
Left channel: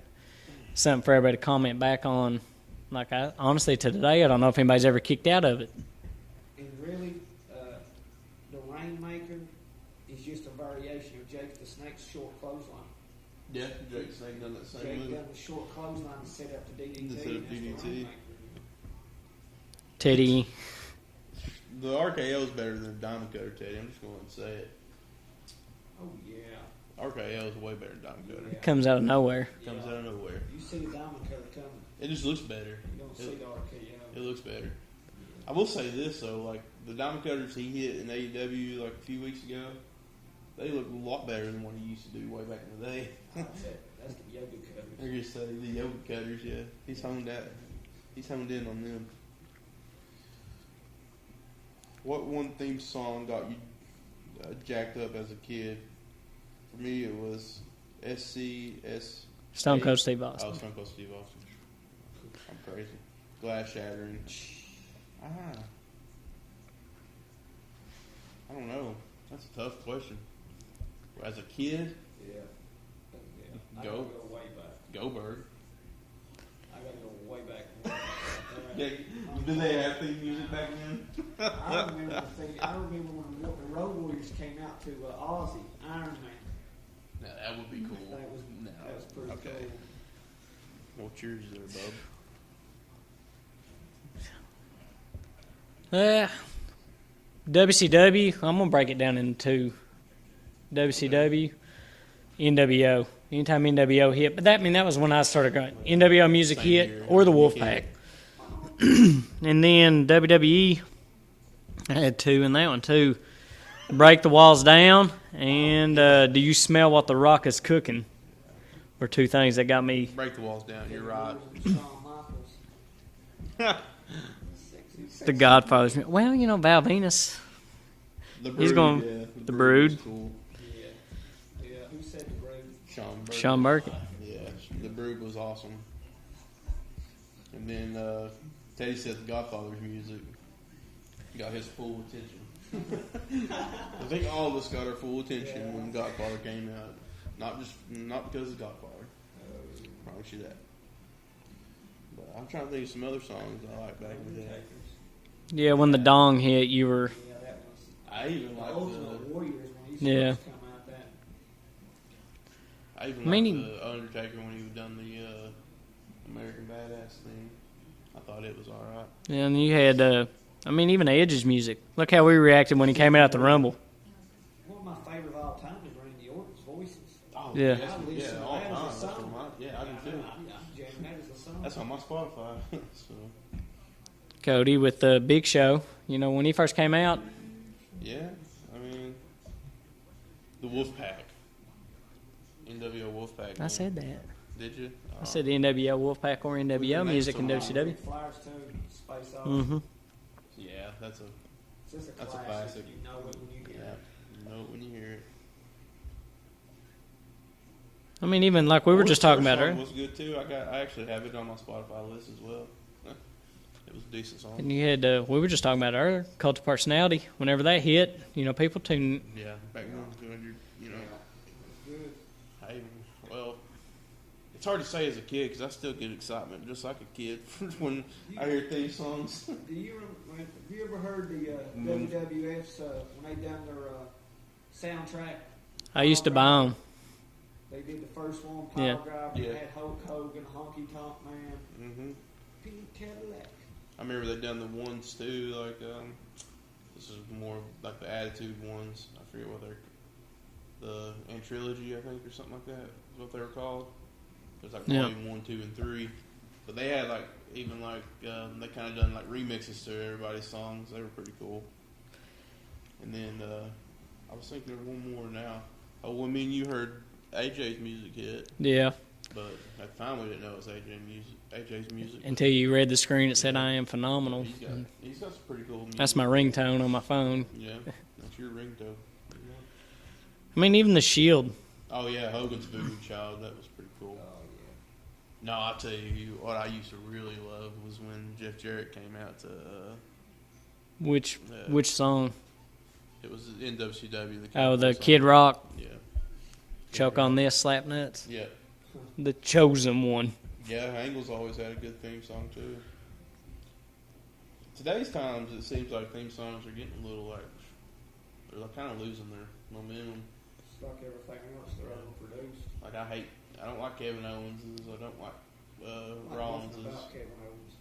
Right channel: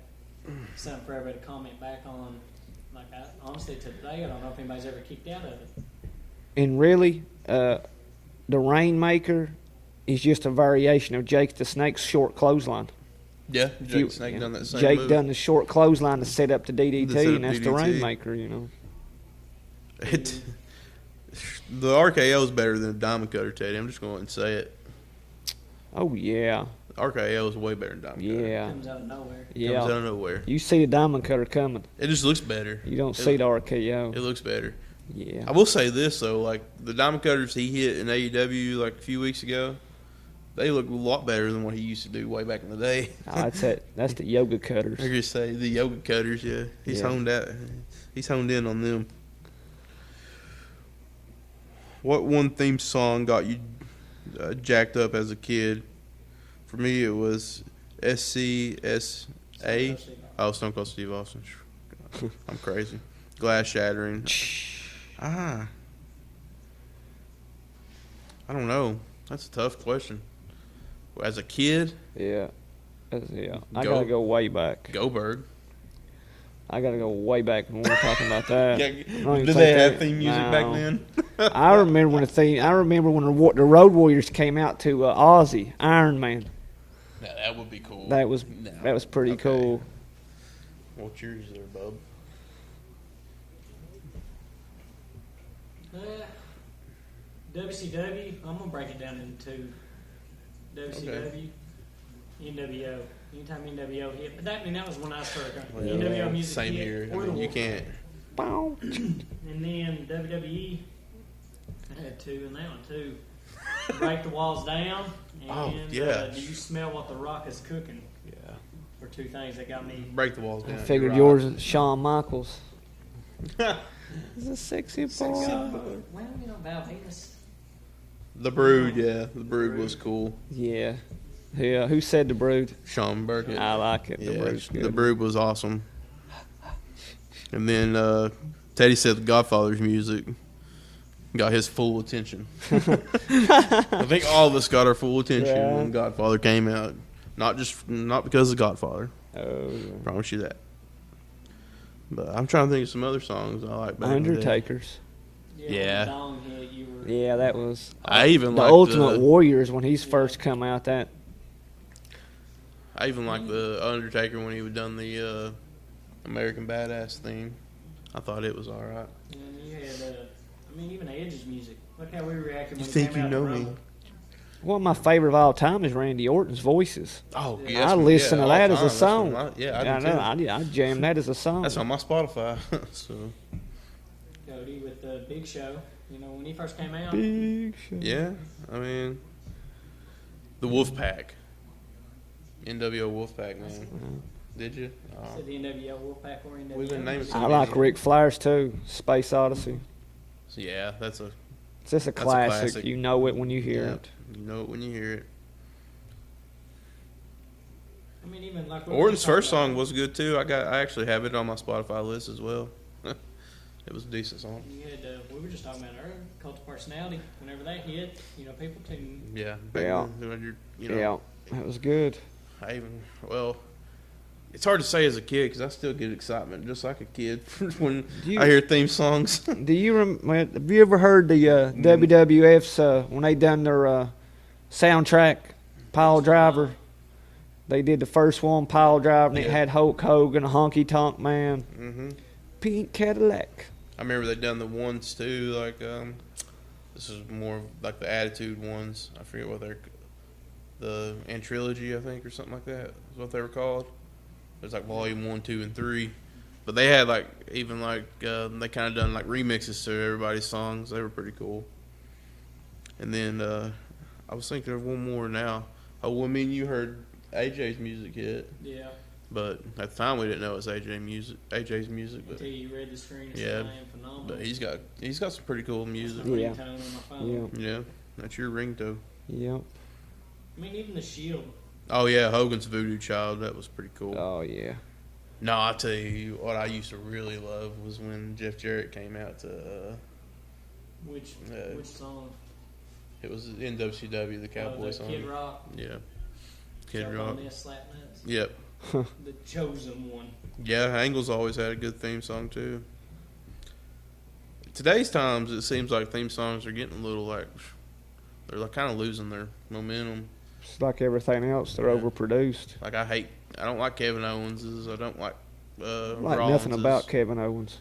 something for everybody to comment back on. Like, honestly, to today, I don't know if anybody's ever kicked out of it. And really, the Rainmaker is just a variation of Jake the Snake's short clothesline. Yeah, If Jake you- the Snake done that same Jake move. done the short clothesline to set up the To set DDT, up and that's the DDT. Rainmaker, you know. Teddy, The RKO is better than the Diamond Cutter, Teddy. I'm just going to say it. Oh, yeah. RKO is way better than Diamond Cutter. Yeah. comes out of nowhere. Comes out Yeah. of nowhere. You see the Diamond Cutter coming. It just looks better. You don't see the RKO. It looks better. Yeah. I will say this though, like the Diamond Cutters he hit in AEW like a few weeks ago, they look a lot better than what he used to do way back in the day. No, that's the Yoga Cutters. I could say the Yoga Cutters, yeah. He's Yeah. He's honed in on them. What one theme song got you jacked up as a kid? For me, it was SCS. Stone Cold Steve Austin. Oh, Stone Cold Steve Austin. I'm crazy. Glass shattering. I don't know. That's a tough question. As a kid, Yeah. Yeah. I Go- got to go way back. Goldberg. I got to go way back when we're talking about that. Yeah, I don't even did think they have that- theme music no. back then? I remember when the Road Warriors came out to Aussie Iron Man. Now, that would be cool. That was pretty Okay. cool. What's yours there, bub? WCW, I'm going to break it down into two. WCW, NWO. Anytime NWO hit. But that was when I started going. NWO music Same hit here. or the You Wolfpack. can't- And then WWE, I had two in that one too. Break the Walls Down and yeah. Do You Smell What the Rock is Cooking? Were two things that got me. Break the walls down. I figured You're yours is Shawn Michaels. He's a sexy boy. The Godfather's. Well, Val Venus. The He's Brood, going- yeah. The Brood was Brood. cool. Yeah. Yeah. Who said the Brood? Sean Burke. Sean did. Burke. I like it. The Yeah, Brood's good. the Brood was awesome. And then Teddy said the Godfather's music got his full attention. I think all of us got our full attention Yeah. when Godfather came out. Not because of Godfather. Oh, Promise you that. But I'm trying to think of some other songs I like back in the day. Undertakers. Yeah, when the Yeah. dong hit, you were. Yeah, that was I even the like Ultimate Warriors when he's Yeah. first come out. That I even I mean, like the Undertaker when he would done the American Badass theme. I thought it was all right. Yeah, and you had, even Edge's music. Look how we reacted when he came out at the Rumble. one of my favorite of all time is Randy Orton's voices. Oh, Yeah. yeah. I listen to all that the as a time. That's song. one of my- yeah, I I do know. too. I jam that as a song. That's on my Spotify. So Cody with the Big Show. You know, when he first came out, Big Show. yeah, I mean, the Wolfpack, NWO Wolfpack. I said that. Did you? I said the NWO Wolfpack or NWO music. I like Ric Flair's too. Space Odyssey. Yeah, that's a It's just a a classic. classic. You know it when you hear yeah, it. You know it when you hear it. I mean, even like we were Orange just talking Church about. song Her. was good too. I actually have it on my Spotify list as well. It was a decent song. And you had, we were just talking about earlier, Cult of Personality. Whenever that hit, you know, people tune. Yeah. Yeah. You know, Yeah, that was good. Well, it's hard to say as a kid because I still get excitement just like a kid when Do you- I hear theme songs. Do you have you ever heard the WWF's when they done their soundtrack? I Pile used to buy Driver. 'em. They did the first one, Pile Yeah. Driver, and it Yeah. had Hulk Hogan, Honky Tonk Man, hmm Pink Cadillac. I remember they done the ones too, like this is more like the Attitude ones. I forget what they're the Antrilogy, I think, or something like that. Is what they were called. There's like Yeah. volume 1, 2, and 3. But they had like even like they kind of done like remixes to everybody's songs. They were pretty cool. And then I was thinking of one more now. Oh, well, I mean, you heard AJ's music hit, Yeah, but at the time we didn't know it was AJ's music. until you read the screen that said Yeah. I am phenomenal. But he's got some pretty cool music. That's my Yeah. ringtone on my phone. Yeah, that's your ringtone. Yep. I mean, even the Shield. Oh yeah, Hogan's Voodoo Child. That was pretty cool. Oh yeah. No, I'll tell you what I used to really love was when Jeff Jarrett came out to. Which Yeah. which song? It was in WCW. Oh, the song. Kid Rock. Yeah. Kid Choke on Rock. this, slap nuts. Yep. The chosen one. Yeah, Angle's always had a good theme song too. Today's times, it seems like theme songs are getting a little like they're like kind of losing their momentum. It's like everything else. They're Yeah. overproduced. Like I don't like Kevin Owens's. I don't like Like nothing Rollins's. about Kevin Owens.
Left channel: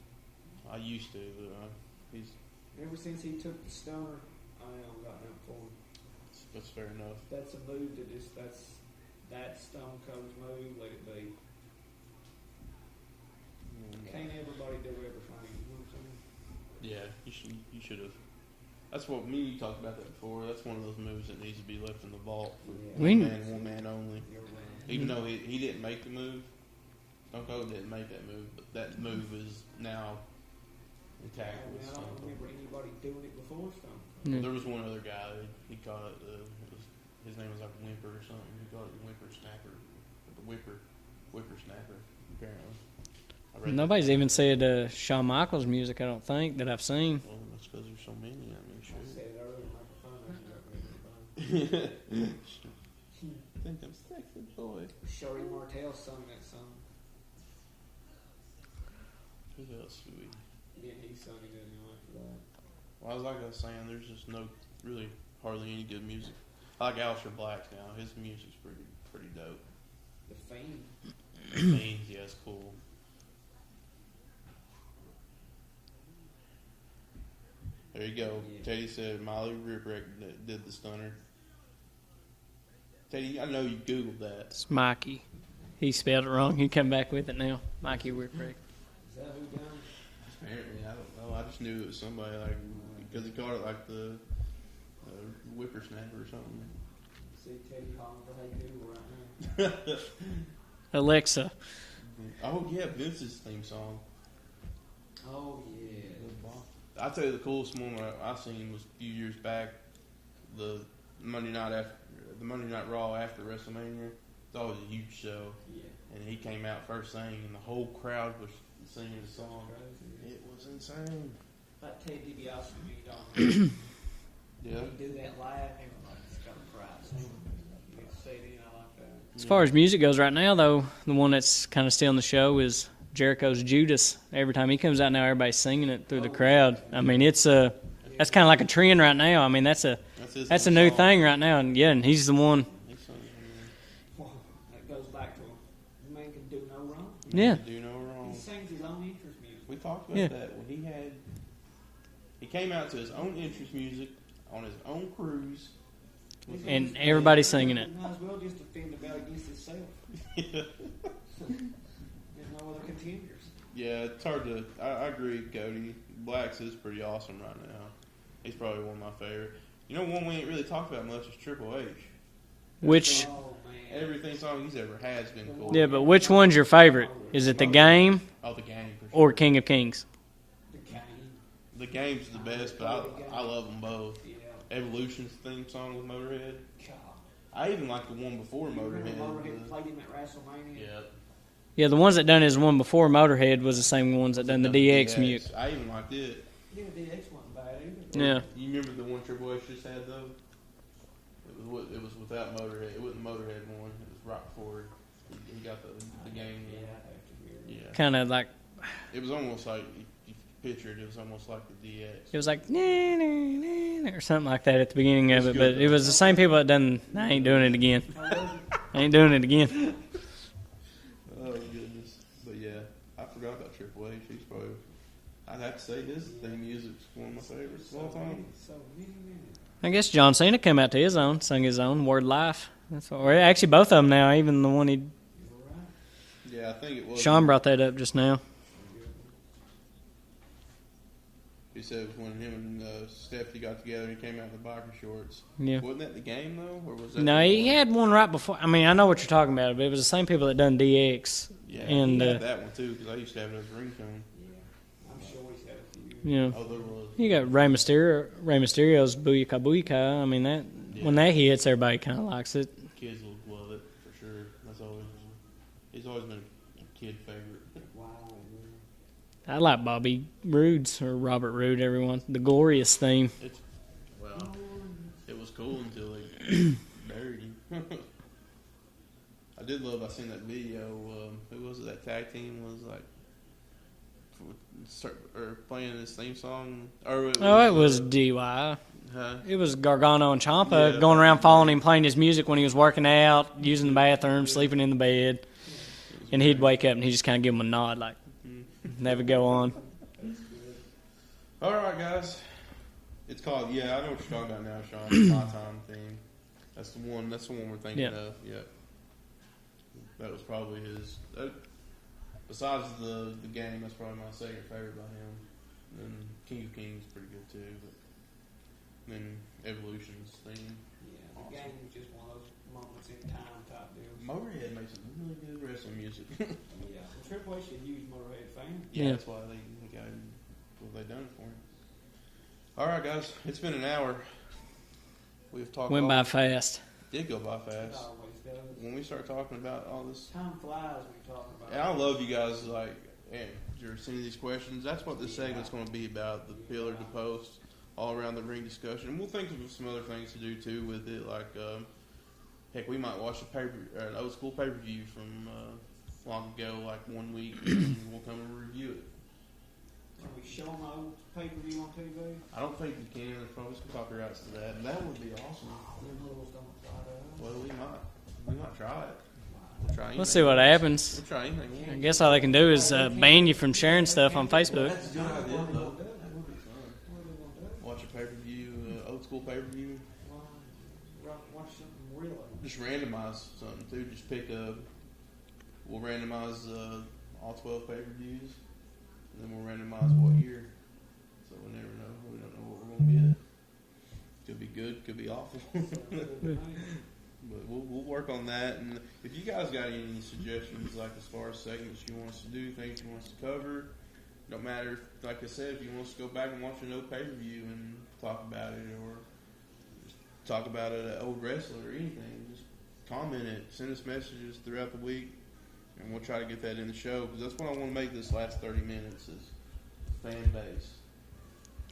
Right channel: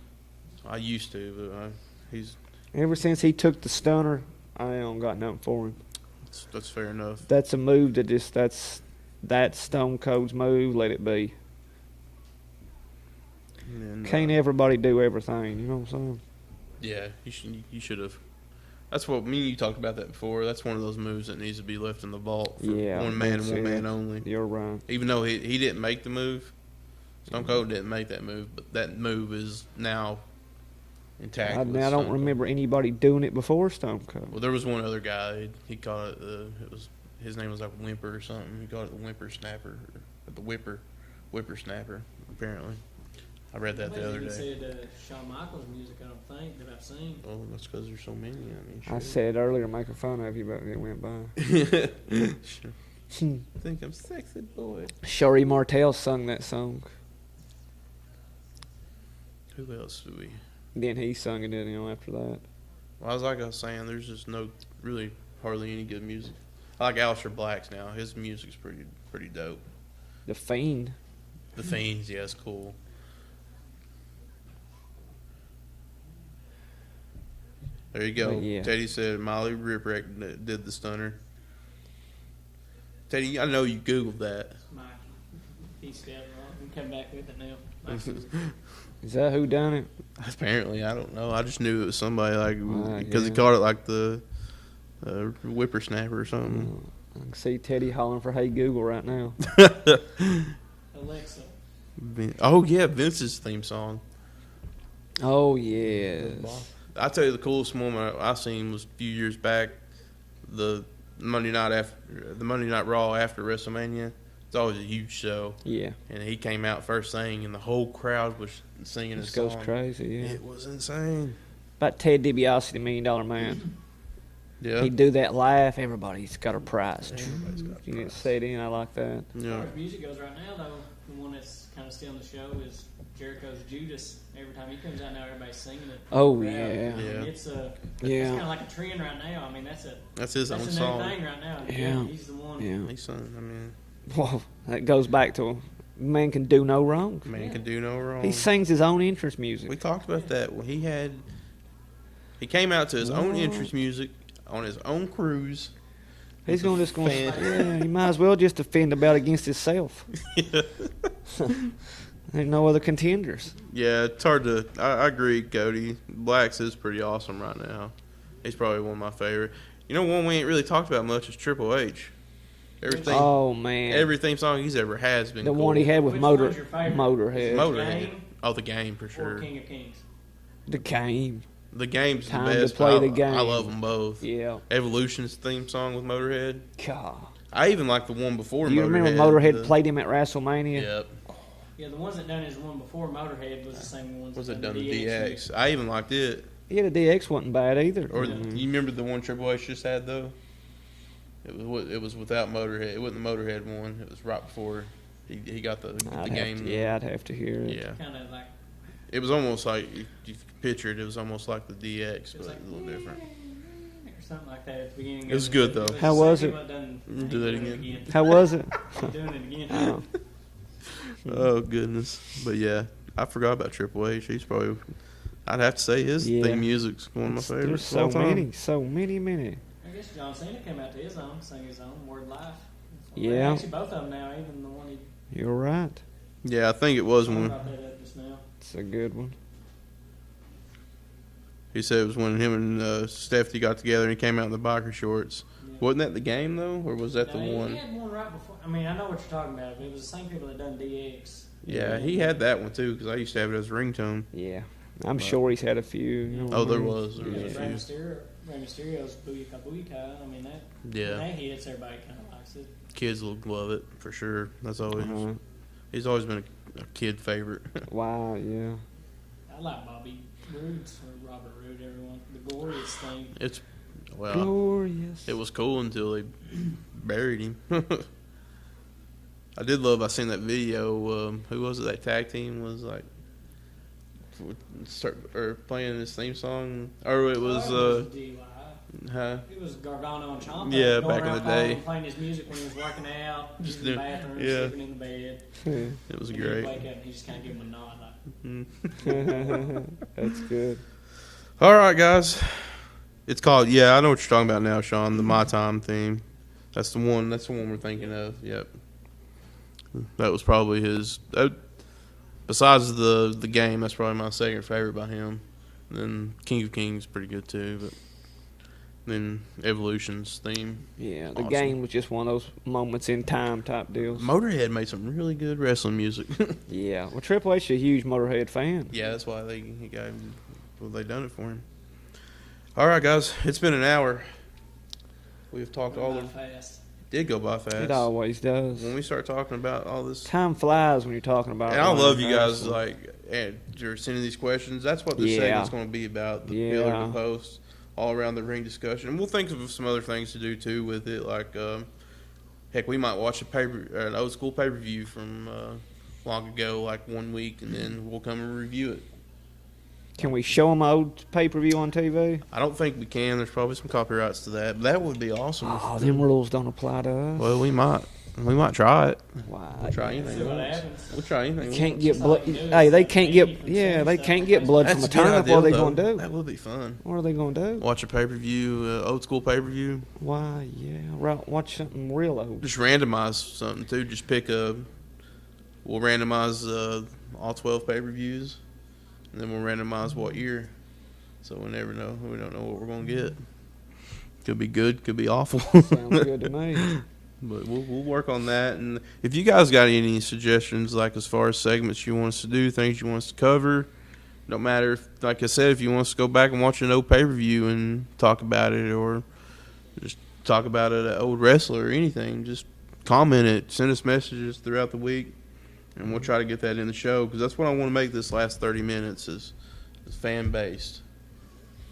I used to, but he's Ever since he took the stunner, I don't got nothing for him. that's fair enough. That's a move that's Stone Cold's move. Let it be. And, Can't everybody do everything? You know what I'm saying? Yeah, you should have. That's what me and you talked about that before. That's one of those moves that needs to be left in the vault for Yeah, one man that's and one it. man only. You're right. Even though he didn't make the move, Stone Cold didn't make that move, but that move is now intact. I with don't Stone Cold. remember anybody doing it before Stone Cold. Well, there was one other guy. He called it his name was like Whimper or something. He called it the Whimper Snapper, or the Whipper Snapper. Apparently, I read. Nobody's that the even other day. said Shawn Michaels music, I don't think, that I've seen. Oh, that's because there's so many. I said earlier, making fun of you, but it went by. I think I'm sexy boy. Sherry Martel sung that song. Who else do we? Then he sung it, after that. Well, I was saying, there's just really hardly any good music. I like Aleister Black's now. His music's pretty dope. The Fiend. Fiends, yeah, it's cool. There you go. Yeah. Teddy said Molly Ripwreck did the stunner. Teddy, I know you Googled that. It's Mikey. He spelled it wrong. He come back with it now. Mikey Whipper. Is that who done it? Apparently, I don't know. I just knew it was somebody because he yeah. called it like the whippersnapper or something. I can see Teddy hollering for "Hey Google" right now. Alexa. Oh yeah, Vince's theme song. Oh yes. I tell you, the coolest moment I seen was a few years back. the Monday Night Raw after WrestleMania. It's always a huge show. Yeah. And he came out first thing, and the whole crowd was singing his song. It goes crazy, yeah. It was insane. About Ted DiBiase, the $1 Million Man. Yeah. He'd do that live. Everybody's got a prize. You get set in. I like that. As far as music goes right now, though, the one that's kind of still in the show is Jericho's Judas. Every time he comes out now, everybody's singing it through the crowd. Yeah. I mean, it's that's kind of like a trend right now. I mean, that's a new thing right now. And, and he's the one. Yeah. He's son, I mean, Well, that goes back to man can do no wrong. man can do no wrong. He sings his own entrance music. We talked about that. Well, he came out to his own entrance music on his own cruise. He's going to everybody singing it. He might as well just defend the belt against himself. There's no other contenders. Yeah, it's hard to. I agree, Cody. Black's is pretty awesome right now. He's probably one of my favorite. You know, one we ain't really talked about much is Triple H. Oh man, every theme song he's ever has been. The cool. one he had which one's your favorite? Is it the game? Oh, the game for sure. Or King of Kings? The game. The game's the Time best. to play the game. I love them both. Yeah. Evolution's theme song with Motorhead. God. I even like the one before Motorhead. Do you remember Motorhead played him at WrestleMania? Yep. Yeah, the ones that done his one before Motorhead was the same ones that done the DX music. I even liked it. Yeah, the DX wasn't bad either. Or, you remember the one Triple H just had though? It was without Motorhead. It wasn't the Motorhead one. It was right before he got the game. I'd have to hear it. Yeah. Kind of like. It was almost like if you picture it. It was almost like the DX. It was like or something like that at the beginning of it. Good, but it was How the same was people it? that done. I ain't doing it again. How was it? I ain't doing it again. Oh goodness! But yeah, I forgot about Triple H. He's probably. I'd have to say his theme music's one of my favorites. There's so many. I guess John Cena came out to his own, sung his own Word Life. That's what, Yeah. actually, both of them now. Even the one he. You're right. Yeah, I think it was. Sean brought that up just now. It's a good one. He said it was when him and Stephanie got together and he came out in the biker shorts. Yeah. Wasn't that the game though, or was that? No, the he one? had one right before. I mean, I know what you're talking about, but it was the same people that done DX. Yeah, and, he had that one too because I used to have it as a ringtone. Yeah. I'm sure he's had a few. Yeah. Oh, there was. You got Rey Mysterio's Booyaka Booyaka. I mean, that when that hits, everybody kind of likes it. Kids will love it for sure. That's always. He's always been a kid favorite. Wow, yeah. I like Bobby Roode's or Robert Roode. Everyone, the Glorious theme. It's Glorious. It was cool until they buried him. I did love. I seen that video. Who was it? That tag team was like. Or playing his theme song, or it was DY. Huh? It was Gargano and Ciampa going around following him, playing his music when he was working out, using the bathroom, sleeping in the bed, and he'd wake up and he just kind of give him a nod, like, that would go on. That's good. All right, guys, it's called. Yeah, I know what you're talking about now, Sean. The My Time theme. That's the one. That's the one we're thinking of. Yep. That was probably his. Besides the game, that's probably my second favorite by him. And then King of Kings is pretty good too, but then Evolution's theme. Yeah, the game was just one of those moments in time type deals. Motorhead made some really good wrestling music. Yeah, well, Triple H is a huge Motorhead fan. Yeah, that's why they done it for him. All right, guys, it's been an hour. We've talked. Went by fast. Did go by fast. It always does. When we start talking about all this, time flies when you're talking about. And I love you guys you're sending these questions. That's what this segment's going to be about. The pillar to post all around the ring discussion. And we'll think of some other things to do too with it. Like, heck, we might watch an old school pay per view from long ago, like 1 week, and then we'll come and review it. Can we show them old pay-per-view on TV? I don't think we can. There's probably some copyrights to that. But that would be awesome. Oh, them rules don't apply to us. Well, we might try it. Wow. Let's see what happens. We'll try anything. Can't guess all they can do is ban you from sharing stuff on Facebook. They can't get blood from a turnip. What are they going to do? That would be fun. What are they going to do? Watch a pay-per-view, old school pay-per-view. Why, yeah. Watch something real old. Just randomize something, too. Just we'll randomize all 12 pay-per-views, and then we'll randomize what year. So we never know. We don't know what we're going to get. Could be good, could be awful. Sounds good to me. But we'll work on that. And if you guys got any suggestions, like as far as segments you want us to do, things you want us to cover, don't matter. Like I said, if you want us to go back and watch an old pay-per-view and talk about it, or just talk about an old wrestler or anything, just comment it. Send us messages throughout the week, and we'll try to get that in the show because that's what I want to make this last 30 minutes is fan based.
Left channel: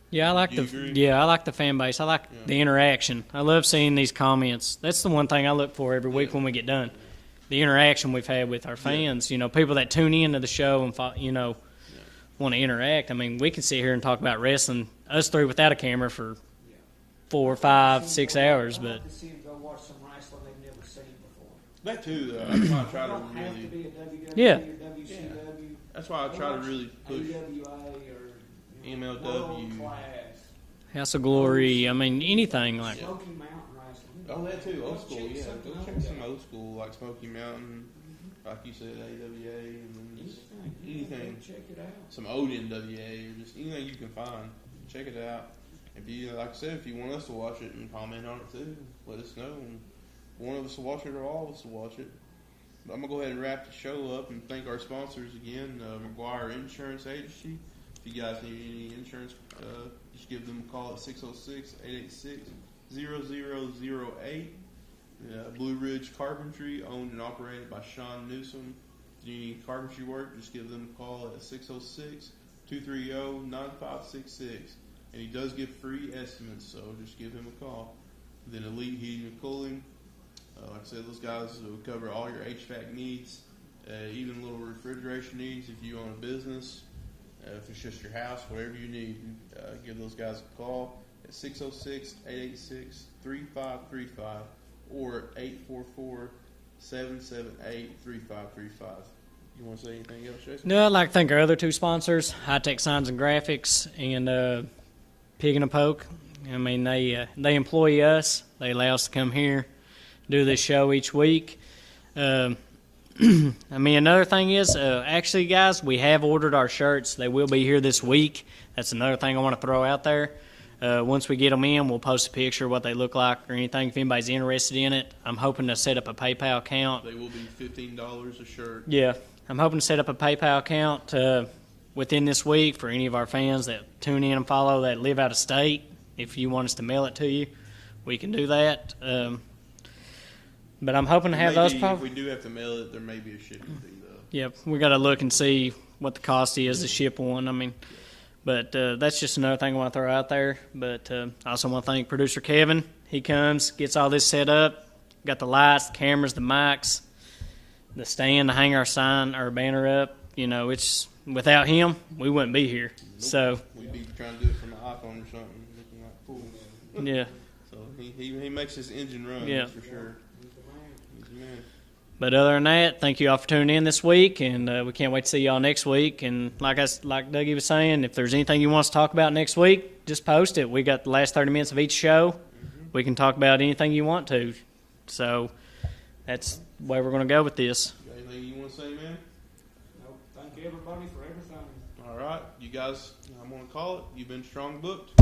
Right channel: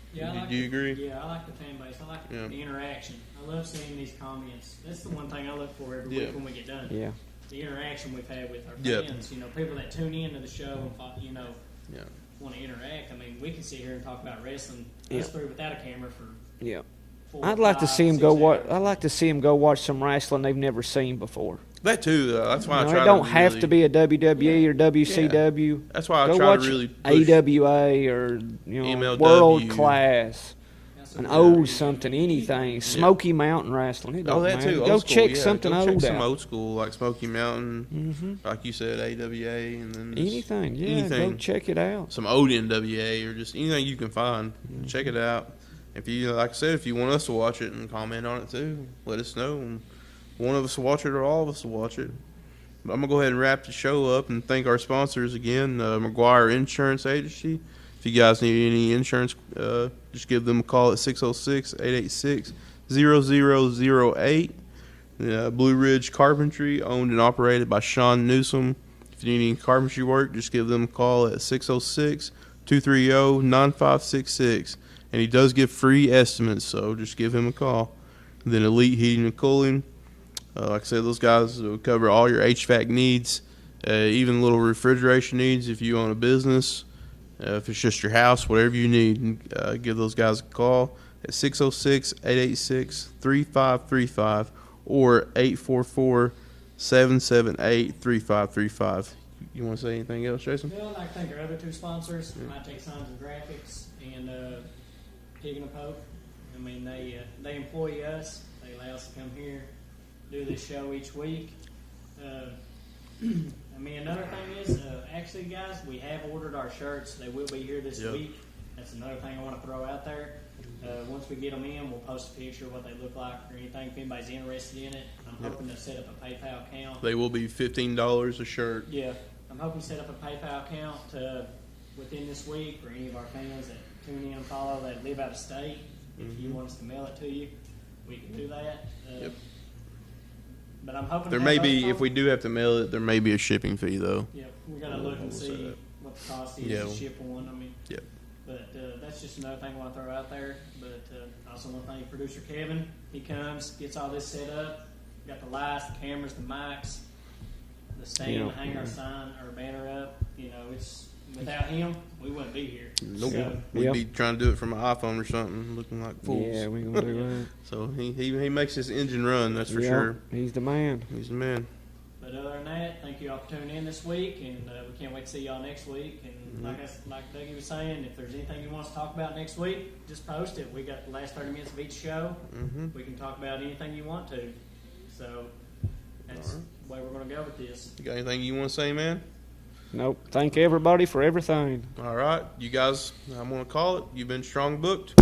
Yeah, I agree? I like the fan base. I like the interaction. I love seeing these comments. That's the one thing I look for every week when we get done. Yeah. The interaction we've had with our fans. You know, people that tune into the show and want to interact. I mean, we can sit here and talk about wrestling, us three without a camera for 4, I'd like 5, to see 6 them go hours. I'd like to see them go watch some wrestling they've never seen before. That too, though. That's why I try it don't have to be a WWE or WCW. That's why I go try watch to really push AWA or MLW. World Class. House of Glory. I mean, anything. anything. Like Smoky Mountain Wrestling. It don't that matter. too. Go Old school, check something Go old check some out. old school like Smoky Mountain, like you said, AWA, and then Anything. Yeah, anything. go check it out. Some old NWA or just anything you can find. Check it out. If you, like I said, if you want us to watch it and comment on it too, let us know. And one of us will watch it or all of us will watch it. But I'm going to go ahead and wrap the show up and thank our sponsors again, McGuire Insurance Agency. If you guys need any insurance, just give them a call at 606-886-0008. Blue Ridge Carpentry, owned and operated by Sean Newsom. If you need any carpentry work, just give them a call at 606-230-9566. And he does give free estimates, so just give him a call. And then Elite Heating and Cooling. Like I said, those guys will cover all your HVAC needs, even little refrigeration needs if you own a business. If it's just your house, whatever you need, give those guys a call at 606-886-3535 or 844-778-3535. You want to say anything else, Jason? No, I'd like to thank our other two sponsors, High Tech Signs and Graphics and Pig and a Poke. I mean, they employ us. They allow us to come here, do this show each week. I mean, another thing is, actually, guys, we have ordered our shirts. They will be here this week. That's another thing I want to throw out there. Once we get them in, we'll post a picture of what they look like or anything if anybody's interested in it. I'm hoping to set up a PayPal account. They will be $15 a shirt. Yeah. I'm hoping to set up a PayPal account within this week for any of our fans that tune in and follow that live out of state. If you want us to mail it to you, we can do that. But I'm hoping to have those. If we do have to mail it, there may be a shipping fee, though. Yep. We got to look and see what the cost is to ship one. I mean, but that's just another thing I want to throw out there. But I also want to thank producer Kevin. He comes, gets all this set up, got the lights, the cameras, the mics, the stand to hang our sign, our banner up. You know, it's without him, we wouldn't be here. Nope. So we'd be trying to do it from an iPhone or something, looking like fools. Yeah, we gonna do that. So he makes his engine run. That's for sure. He's the man. He's the man. But other than that, thank you all for tuning in this week, and we can't wait to see y'all next week. And like Dougie was saying, if there's anything you want us to talk about next week, just post it. We got the last 30 minutes of each show. We can talk about anything you want to. So that's the way we're going to go with this. You got anything you want to say, man? Nope. Thank everybody for everything. All right. You guys, I'm going to call it. You've been strong booked.